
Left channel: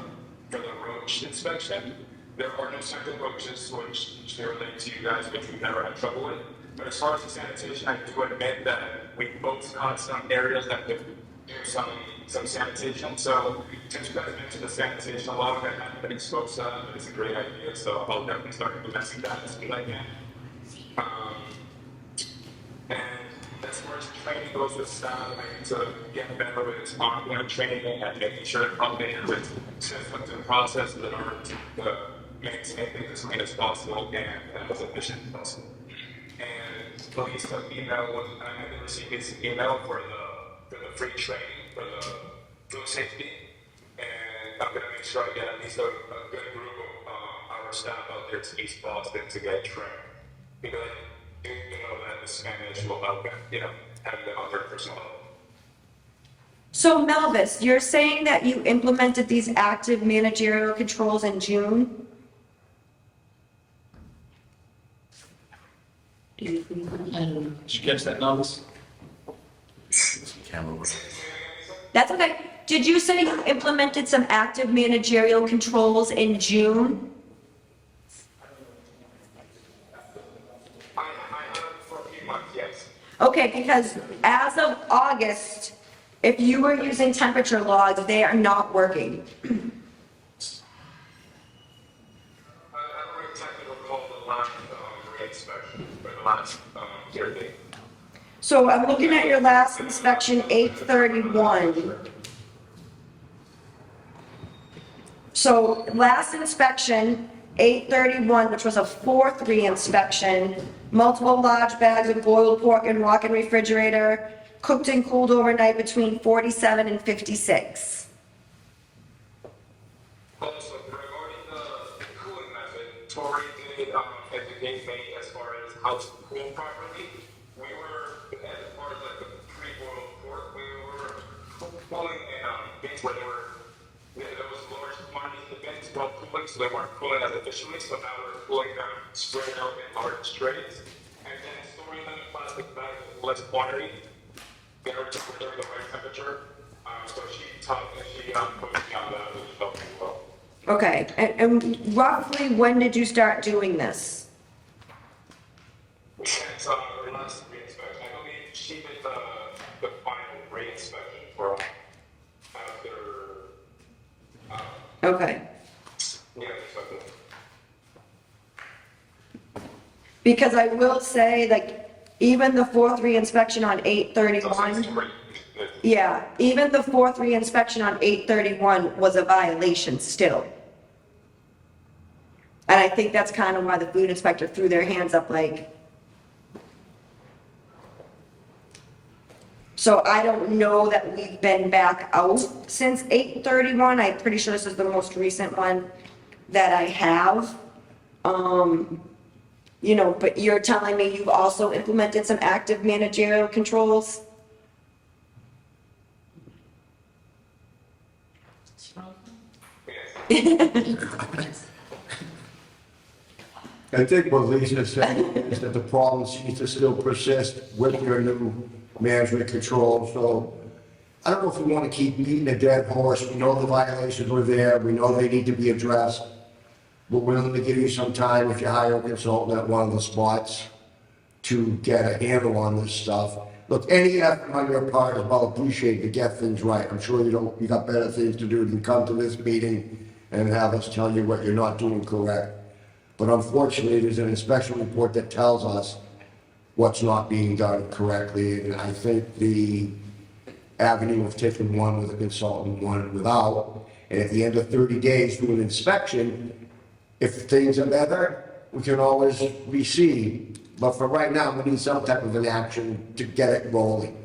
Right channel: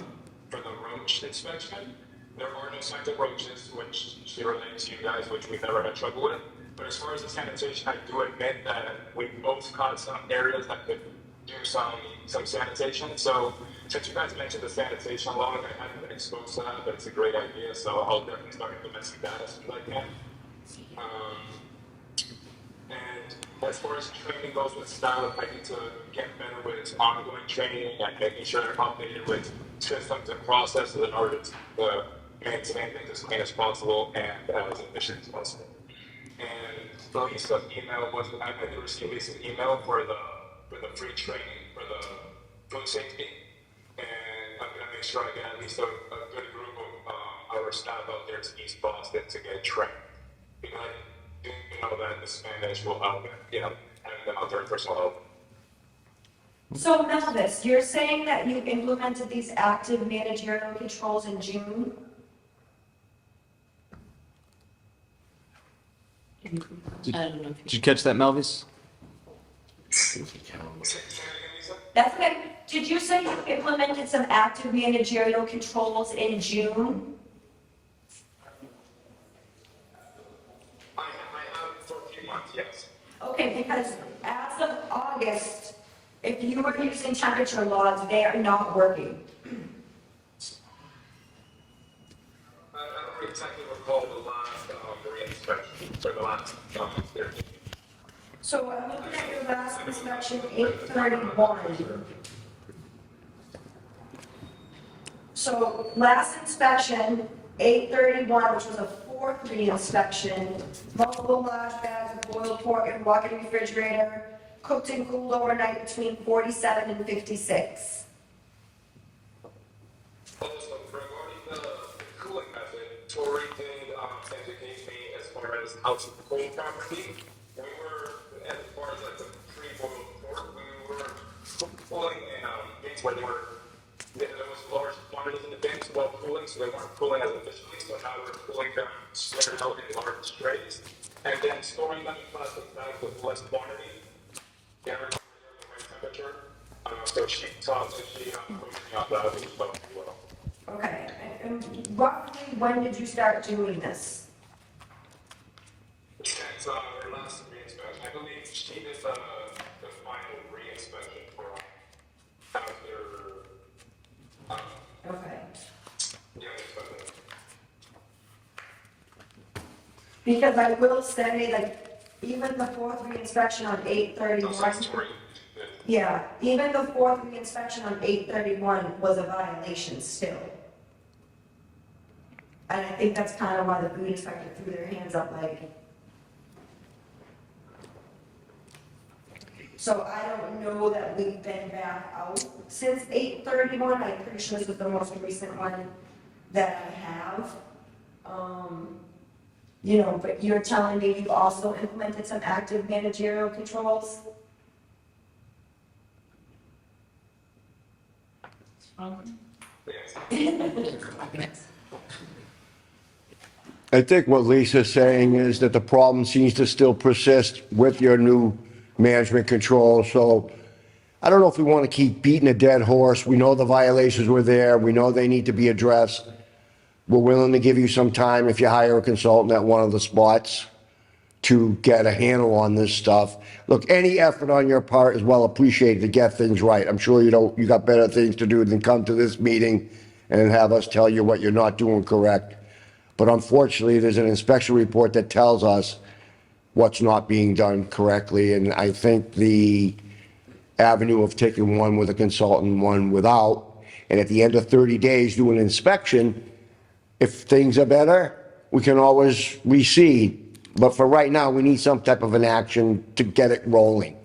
roach inspection, there are no scented roaches, which she relayed to you guys, which we've never had trouble with. But as far as the sanitation, I do admit that we both caught some areas that could do some sanitation. So since you guys mentioned the sanitation log, I haven't been exposed to that, but it's a great idea. So I'll definitely start implementing that as soon as I can. And as far as training goes with staff, I need to get better with ongoing training and making sure they're updated with systems and processes in order to maintain things as clean as possible and as efficient as possible. And Lisa's email was, I did receive Lisa's email for the free training for the food safety, and I'm gonna make sure I get at least a good group of our staff out there to East Boston to get trained, because I do know that the Spanish will help and and the other personal help. So Melvis, you're saying that you implemented these active managerial controls in June? I don't know. Did you catch that, Melvis? That's okay. Did you say you implemented some active managerial controls in June? I have for a few months, yes. Okay, because as of August, if you were using temperature logs, they are not working. I don't exactly recall the last re-inspection for the last year. So I'm looking at your last inspection, 8/31. So last inspection, 8/31, which was a 4/3 inspection, multiple large bags of boiled pork and walk-in refrigerator, cooked and cooled overnight between 47 and 56. Also, regarding the cooling method, Tori did educate me as far as how to cool properly. We were, as far as like the pre-boiled pork, we were cooling in bins where there was large quantities in the bins while cooling, so they weren't cooling as efficiently. So now we're cooling them spread out in large trays, and then storing them in plastic bags with less quantity. Get ready for the right temperature. So she taught me, she coached me on that as well. Okay, and roughly when did you start doing this? Since her last re-inspection, I believe she did the final re-inspection for after, Okay. yeah, Because I will say, like, even the 4/3 inspection on 8/31, great. yeah, even the 4/3 inspection on 8/31 was a violation still. And I think that's kind of why the food inspector threw their hands up like. So I don't know that we've been back out since 8/31. I'm pretty sure this is the most recent one that I have. But you're telling me you've also implemented some active managerial controls? I think what Lisa's saying is that the problem seems to still persist with your new management control. So I don't know if we want to keep beating a dead horse. We know the violations were there. We know they need to be addressed. We're willing to give you some time if you hire a consultant at one of the spots to get a handle on this stuff. Look, any effort on your part is well appreciated to get things right. I'm sure you got better things to do than come to this meeting and have us tell you what you're not doing correct. But unfortunately, there's an inspection report that tells us what's not being done correctly. And I think the avenue of taking one with a consultant, one without, and at the end of 30 days, do an inspection. If things are better, we can always recede. But for right now, we need some type of an action to get it rolling.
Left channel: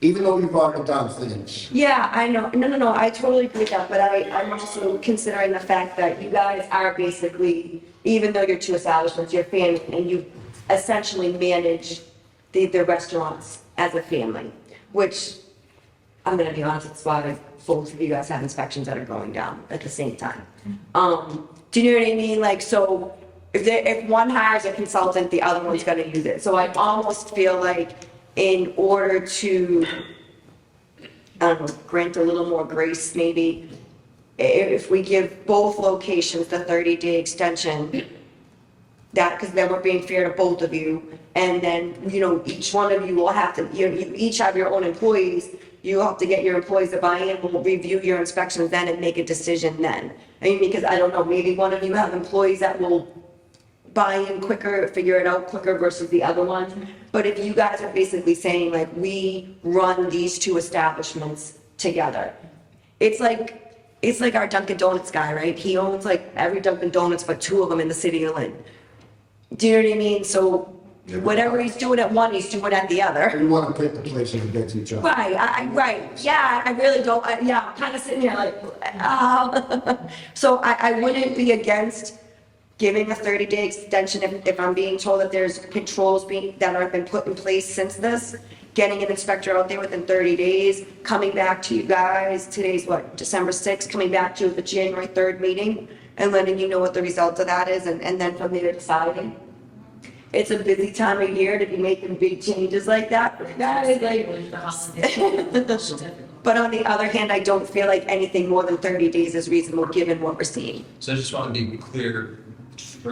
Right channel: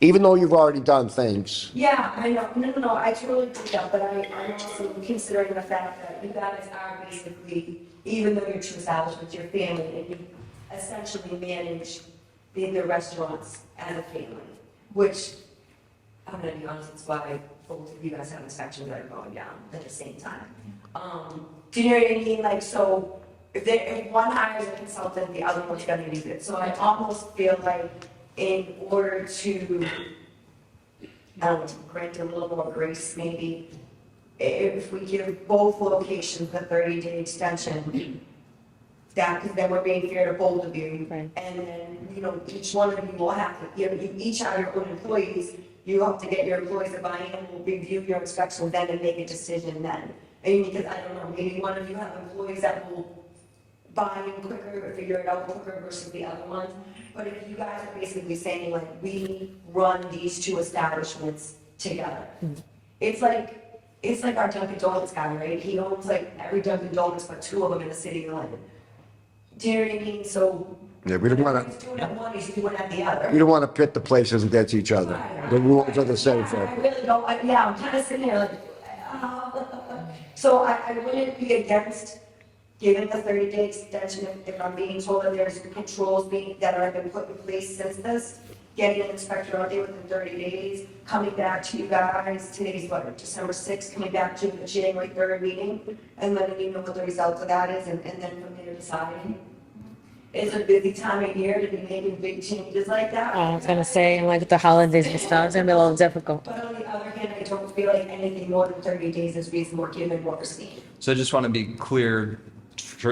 even though you've already done things. Yeah, I know, no, I totally agree with that, but I'm also considering the fact that you guys are basically, even though you're two establishments, you're family, and you essentially manage the restaurants as a family, which, I'm gonna be honest, it's why both of you guys have inspections that are going down at the same time. Do you know what I mean? Like, so, if one hires a consultant, the other one's gonna use it, so I almost feel like in order to, I don't know, grant a little more grace maybe, if we give both locations the 30-day extension, that, because then we're being fair to both of you. Right. And then, each one of you will have to, you each have your own employees, you have to get your employees to buy in, we'll review your inspections then and make a decision then. I mean, because I don't know, maybe one of you have employees that will buy in quicker, figure it out quicker versus the other one. But if you guys are basically saying like, we run these two establishments together, it's like our Dunkin' Donuts guy, right? He owns like every Dunkin' Donuts but 2 of them in the city of Lynn. Do you know what I mean? So Yeah, we don't whatever wanna- he's doing at one, he's doing at the We other. don't want to pit the places against each other. Right, The rules right, are the same yeah, for I really don't, I'm kind of sitting here like, so I wouldn't be against giving a 30-day extension if I'm being told that there's controls that have been put in place since this, getting an inspector out there within 30 days, coming back to you guys, today's what, December 6th, coming back to you at the January 3rd meeting, and letting you know what the result of that is, and then from there deciding. It's a busy time of year to be making big changes like that. I was gonna say, like, with the holidays and stuff, it's gonna be a little difficult. But on the other hand, I don't feel like anything more than 30 days is reasonable, given what we're seeing. So I just want to be clear,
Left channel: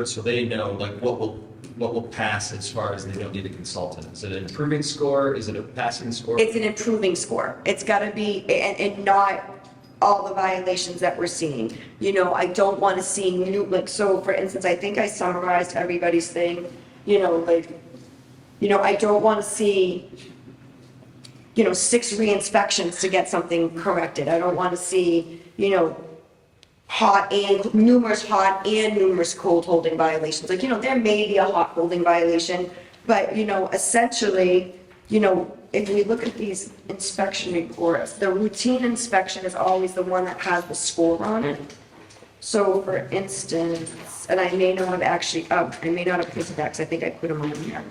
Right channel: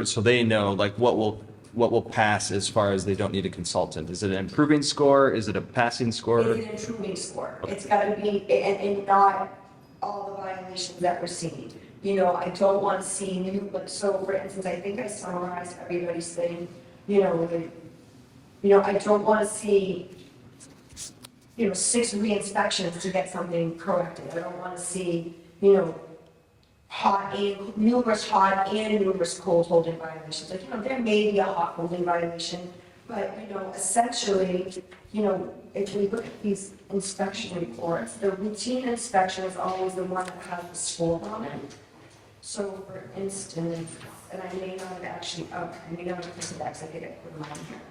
so they know, like, what will pass as far as they don't need a consultant? Is it an improving score? Is it a passing score? It's an improving score. It's gotta be, and not all the violations that we're seeing. I don't wanna see new, like, so for instance, I think I summarized everybody's thing, I don't wanna see, 6 re-inspections to get something corrected. I don't wanna see, numerous hot and numerous cold holding violations. Like, there may be a hot holding violation, but, essentially, if we look at these inspection reports, the routine inspection is always the one that has the score on it. So for instance, and I may not have actually, I may not have put it back, because I think I put them on here.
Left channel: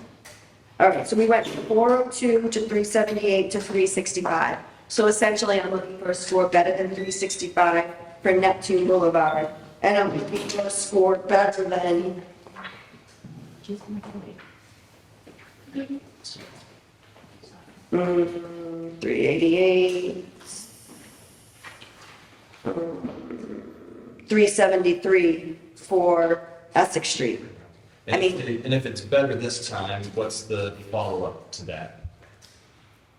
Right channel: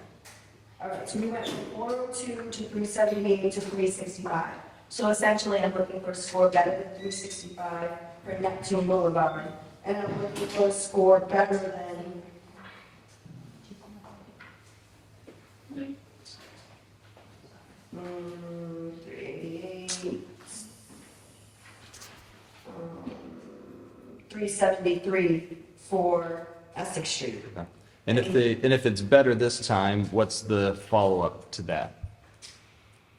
All right, so we went from 402 to 378 to 365. So essentially, I'm looking for a score better than 365 for Neptune Boulevard, and I'm looking for a score better than 388, 373 for Essex Street. And I mean- if it's better this time, what's the follow-up to that?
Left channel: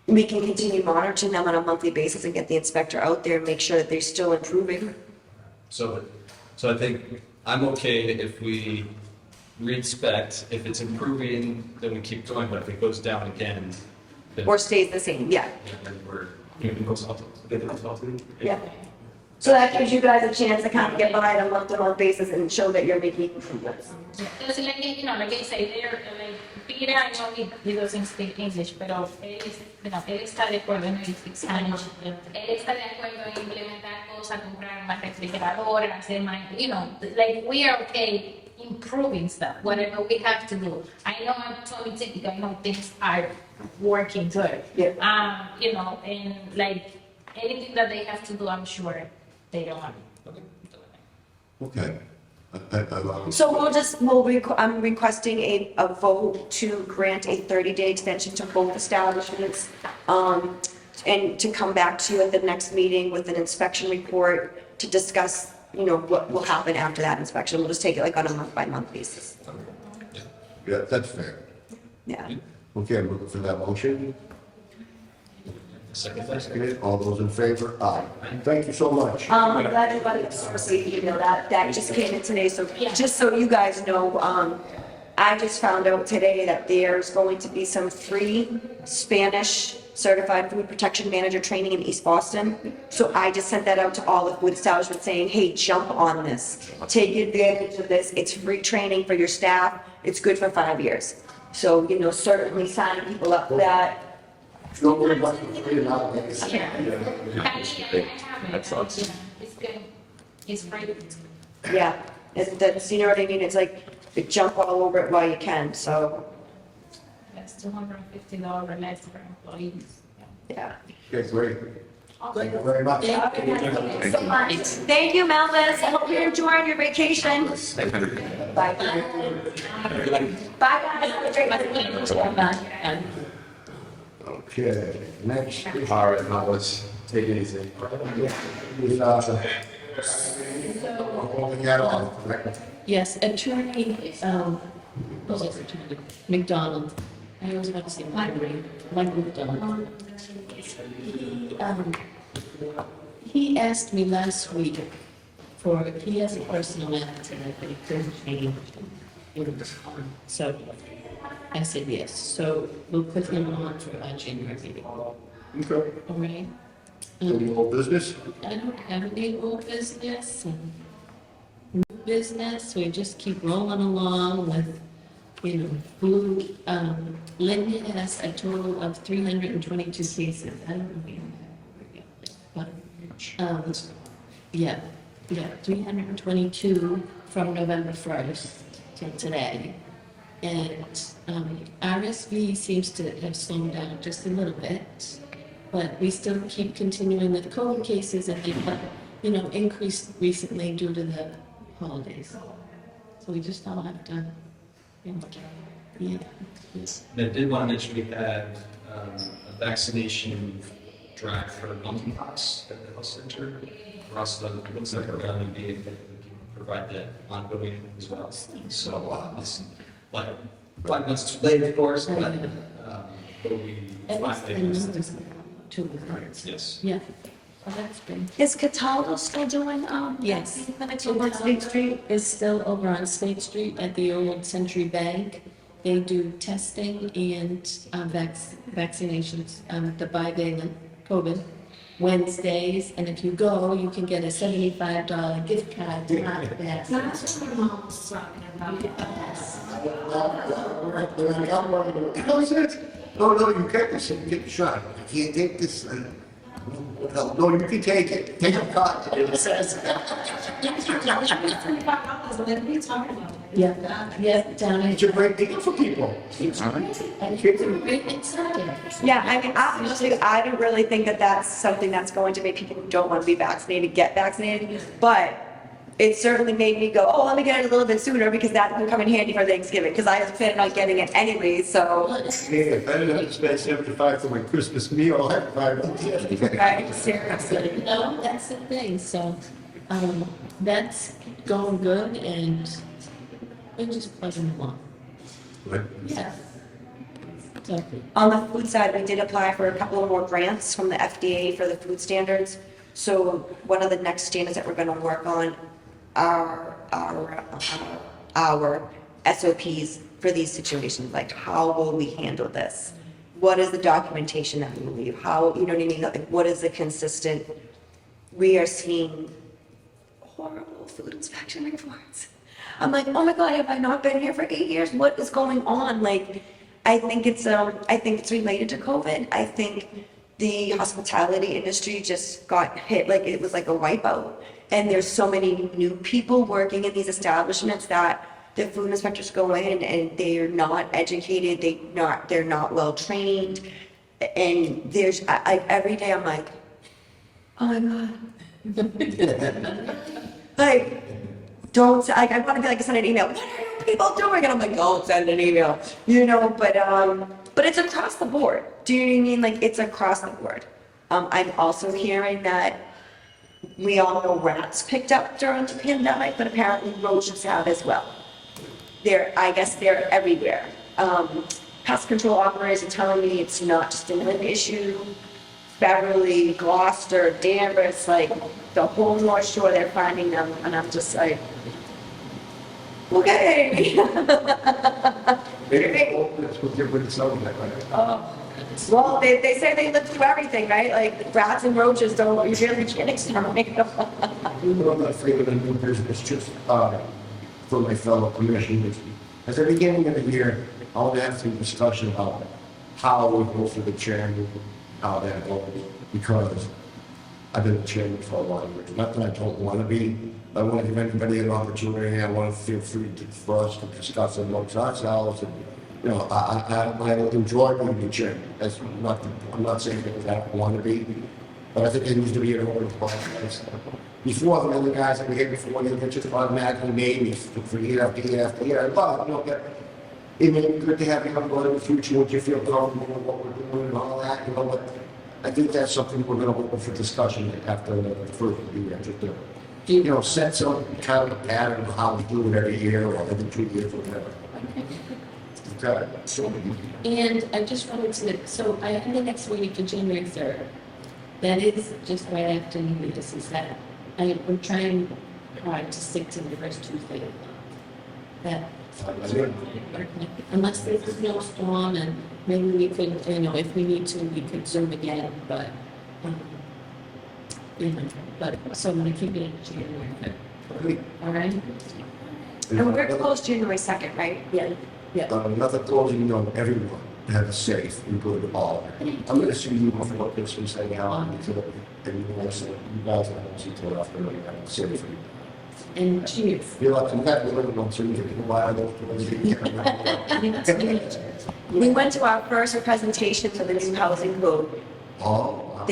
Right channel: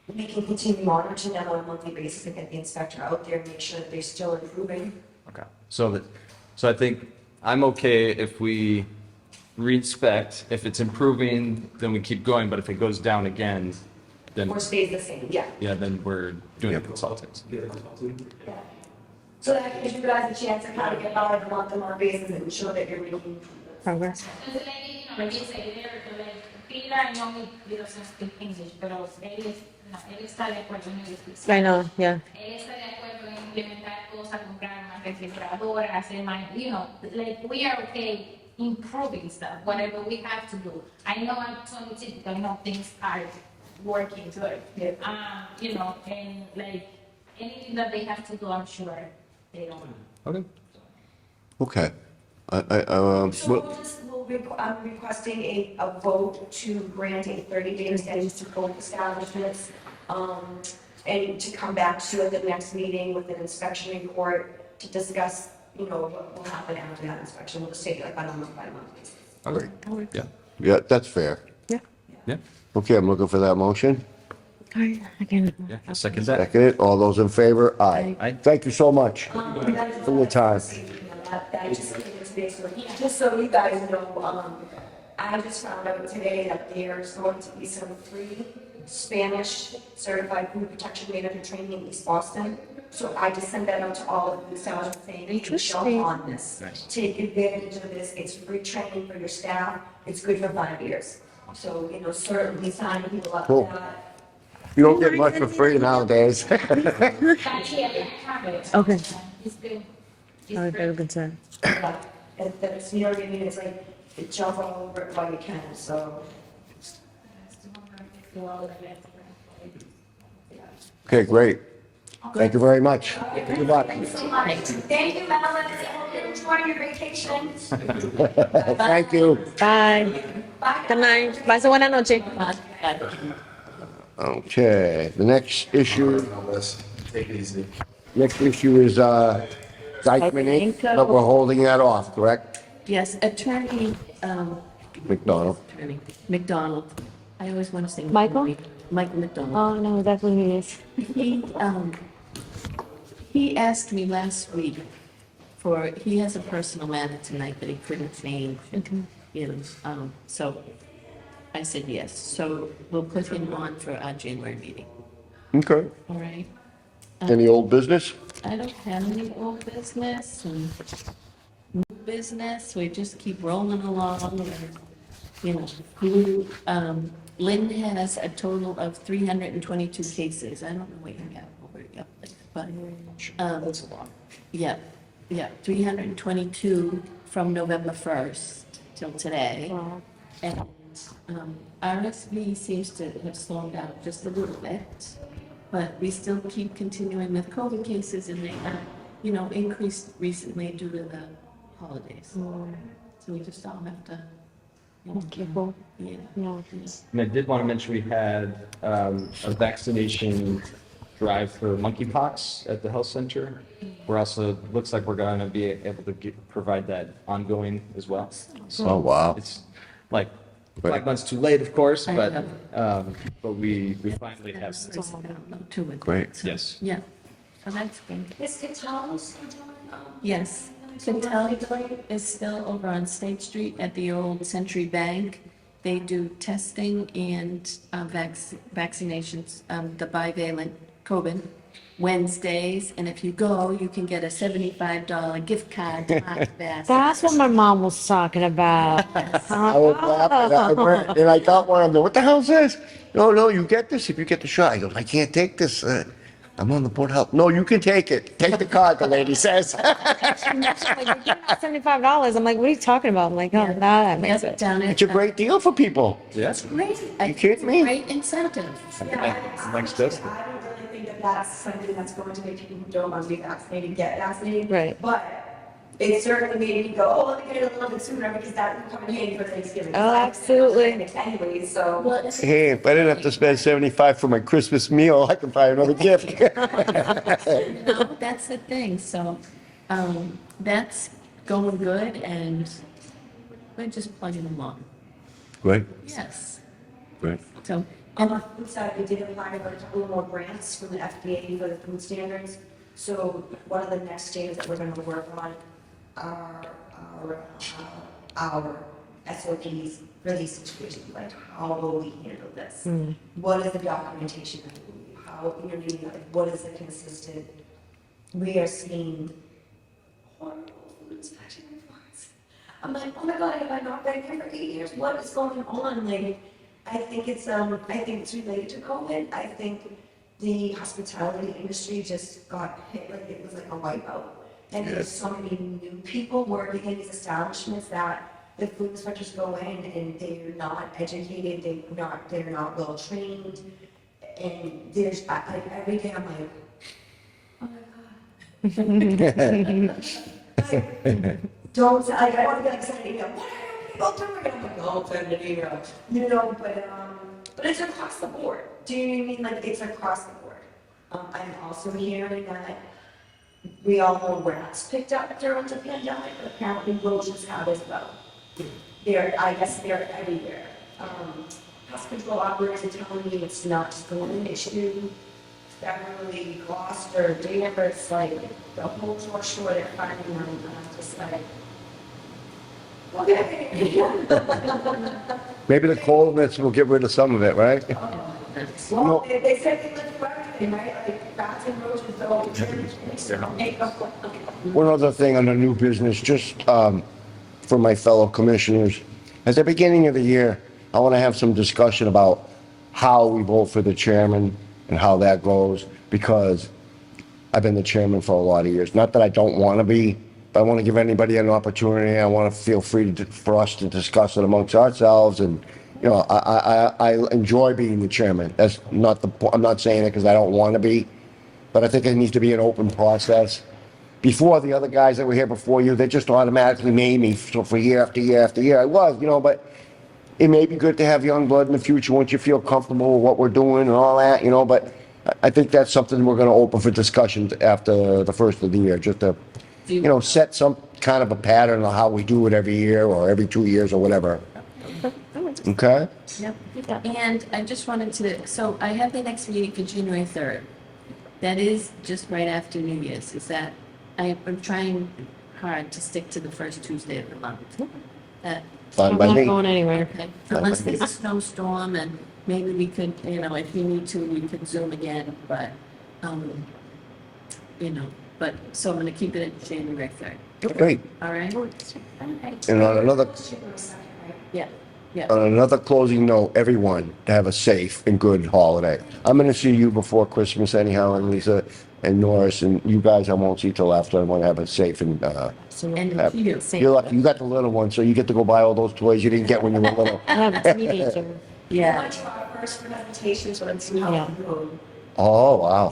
We can continue monitoring them on a monthly basis and get the inspector out there and make sure that they're still improving. Okay, so I think I'm okay if we re-inspect. If it's improving, then we keep going, but if it goes down again, then, Or stays the same, yeah, then we're doing consultants. Get the consultant. yeah. So that gives you guys a chance to kind of get by on a month-to-month basis and show that you're making improvements. Progress. Because like I say, they're like, Peter, I know he doesn't speak English, pero él está de acuerdo en el I know, yeah. Él está de acuerdo en implementar cosas, comprar más refrigeradores, hacer más, like we are okay improving stuff, whatever we have to do. I know I'm totally typical, I know things are working good. Yeah. And like anything that they have to do, I'm sure they don't want. Okay. Okay. So I'm requesting a vote to grant a 30-day extension to both establishments, and to come back to you at the next meeting with an inspection report to discuss, what will happen after that inspection. We'll just take it like on a month-by-month basis. Okay. Yeah. Yeah, that's fair. Yeah. Yeah. Okay, I'm looking for that motion. I can, Yeah. Second that. Second it, all those in favor? Aye. Aye. Thank you so much. I'm glad you For your time. received the email, that just came in today, so just so you guys know, I just found out today that there's going to be some free Spanish certified food protection manager training in East Boston. So I just sent that out to all the food establishments saying, hey, jump on this. Take advantage of this. It's free training for your staff. It's good for 5 years. So, certainly sign people up for Cool. that. You don't get much for free nowadays. Actually, I have it. Okay. It's good. It's Sorry, free. very concerned. Yeah, that's, you know what I mean? It's like, you jump all over it while you can, so, That's $250 less for employees. yeah. Okay, great. Thank you very much. Thanks so much. Thank you, Melvis. I hope you're enjoying your vacation. Bye. Thank you. Bye. Bye. Good night. Pase buena noche. Okay, the next issue, Let's take it easy. next issue is, Dykeman Inc., but we're holding that off, correct? Yes, attorney, McDonald. attorney, McDonald. I always want to say. Michael? McDonald. Mike McDonald. Oh, no, that's what he is. He asked me last week he has a personal matter tonight that he couldn't change. And, so I said yes. So we'll put him on for our January meeting, Okay. all right? Any old business? I don't have any old business and new business. We just keep rolling along with, food. Lynn has a total of 322 cases. I don't know what you got over yet, but, That's a lot. yeah, 322 from November 1st till today. Wow. And RSV seems to have slowed down just a little bit, but we still keep continuing with COVID cases, and they have, increased recently due to the holidays. So we just all have to, Careful. yeah. No. And I did want to mention we had a vaccination drive for monkeypox at the health center. We're also, looks like we're going to be able to provide that ongoing as well. Oh, wow. It's like 5 months too late, of course, but we That finally have was some. 2 months. Great. Yes. Yeah, so that's good. Is Cataldo still doing, Yes. clinics over on State Street? Cataldo is still over on State Street at the old Century Bank. They do testing and vaccinations, the bivalent COVID Wednesdays. And if you go, you can get a $75 gift card to Market Basket. That's what my mom was talking about. I was laughing, and I got one, I'm like, what the hell is this? No, you get this if you get the shot. I go, I can't take this, I'm on the Board of Health. No, you can take it. Take the card, the lady says. $75. I'm like, what are you talking about? I'm like, oh, no, that makes Yeah, it. down at. It's a great deal for people. It's great. You kidding me? Great incentive. Yeah, I mean, honestly, I don't really think that that's something that's going to make people who don't want to be vaccinated get vaccinated. Right. But it certainly made me go, oh, let me get it a little bit sooner because that will come in handy for Thanksgiving. Because I was planning on getting it anyway, so. Well, Hey, if I didn't have to spend 75 for my Christmas meal, I could buy another gift. Seriously. That's the thing, so, that's going good, and we're just plugging along. Right, Yes, right. so, On the food side, we did apply for a couple of more grants from the FDA for the food standards. So one of the next standards that we're gonna work on are our SOPs for these situations, like how will we handle this? What is the documentation that we will leave? How, you know what I mean? Like, what is the consistent? We are seeing horrible food inspection reports. I'm like, oh my God, have I not been here for 8 years? What is going on? Like, I think it's related to COVID. I think the hospitality industry just got hit, like it was like a wipeout. And there's so many new people working in these establishments that the food inspectors go in and they're not educated, they're not well trained. And there's, every day I'm like, oh my God. Like, don't, I want to be like, send an email, what are people doing? And I'm like, don't send an email, but it's across the board. Do you know what I mean? Like, it's across the board. I'm also hearing that we all know rats picked up during the pandemic, but apparently roaches have as well. I guess they're everywhere. Pest control operators are telling me it's not just a Lynn issue. Beverly, Gloucester, Danvers, like the whole North Shore, they're finding them, and I'm just like, okay. Maybe the coldness will get rid of some of it, right? Well, they say they live through everything, right? Like rats and roaches don't, you really can't exterminate them. One other thing under new business, just for my fellow commissioners. At the beginning of the year, I want to have some discussion about how we vote for the chairman and how that goes, because I've been the chairman for a lot of years. Not that I don't want to be, but I want to give anybody an opportunity. I want to feel free for us to discuss it amongst ourselves. And, you know, I enjoy being the chairman. That's not I'm not saying it because I don't want to be, but I think it needs to be an open process. Before, the other guys that were here before you, they just automatically made me for year after year after year. I love, you know, but it may be good to have young blood in the future once you feel comfortable with what we're doing and all that, you know, but I think that's something we're going to open for discussion after the first of the year, just to, you know, set some kind of a pattern of how we do it every year or every 2 years or whatever. Okay? Yeah. And I just wanted to, so I have the next meeting for January 3rd. That is just right after New Year's. Is that, I'm trying hard to stick to the first Tuesday of the month. That, Fine by I'm not me. going anywhere. unless there's a snowstorm and maybe we could, you know, if we need to, we could Zoom again, but, you know, but, so I'm gonna keep it at January 3rd. Great. All right? And And on we're another, closed January 2nd, right? Yeah, yeah. on another closing note, everyone, to have a safe and good holiday. I'm going to see you before Christmas anyhow, and Lisa and Norris, and you guys I won't see till after. I want to have it safe and, And happy. you. you got the little one, so you get to go buy all those toys you didn't get when you were little. We went to our first presentation to the new housing code. Oh, wow.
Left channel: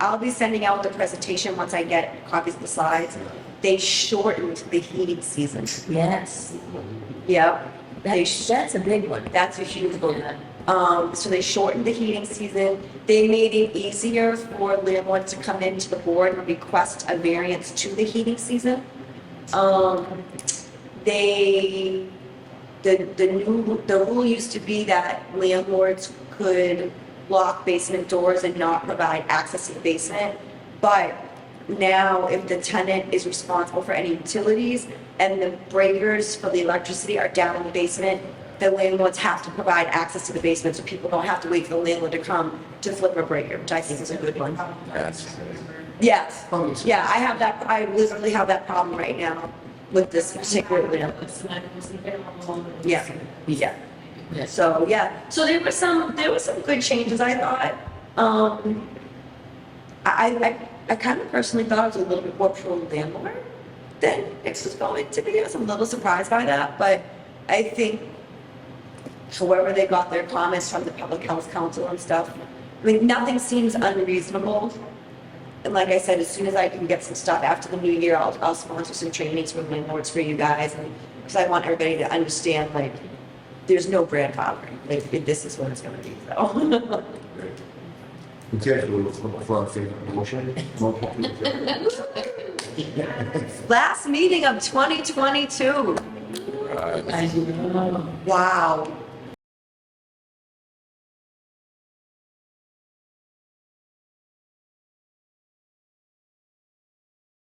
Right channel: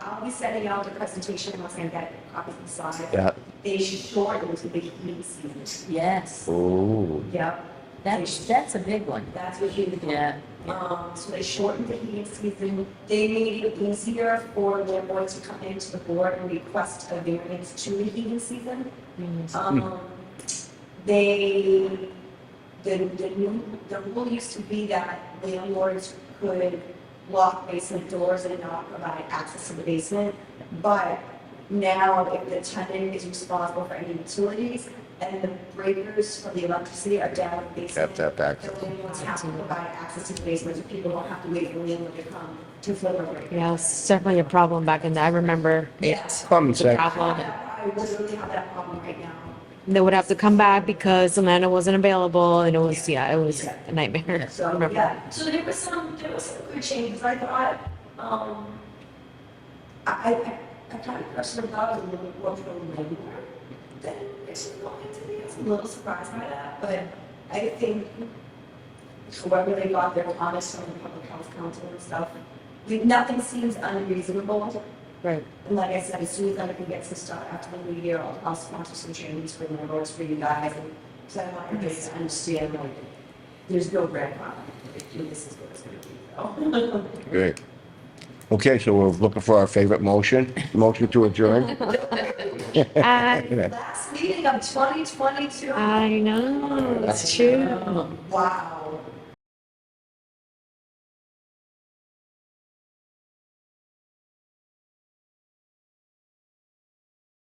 I'll be sending out the presentation once I get copies of the slides. Yeah. They shortened the heating season. Yes, Ooh. Yep. that's a big one. That's a huge one. Yeah. So they shortened the heating season. They made it easier for landlords to come into the board and request a variance to the heating season. The rule used to be that landlords could lock basement doors and not provide access to the basement. But now if the tenant is responsible for any utilities and the breakers for the electricity are down in the basement, Have to have the landlords have to provide access to the basement so people don't have to wait for the landlord to come to flip a breaker, Yeah, which I it's think is definitely a good one. problem back in there. I remember. Yes. Common sense. Yeah, I literally have that problem right now. They would have to This come back particular because the landlord wasn't available and it was, Yeah. it was Yeah. a nightmare. So, Remember. yeah, so there were some good changes, I thought. I kind of personally thought it was a little bit more pro-landlord than it was going to be. I was a little surprised by that, but I think however they got their comments from the Public Health Council and stuff, I mean, nothing seems unreasonable. Right. And like I said, as soon as I can get some stuff after the new year, I'll sponsor some trainings for landlords for you guys. Because I want everybody to understand, like, there's no grandfathering. Like, this is what it's gonna be, so. Great. Okay, so we're looking for our favorite motion to adjourn. Last meeting of 2022. I know, it's I true. know. Wow.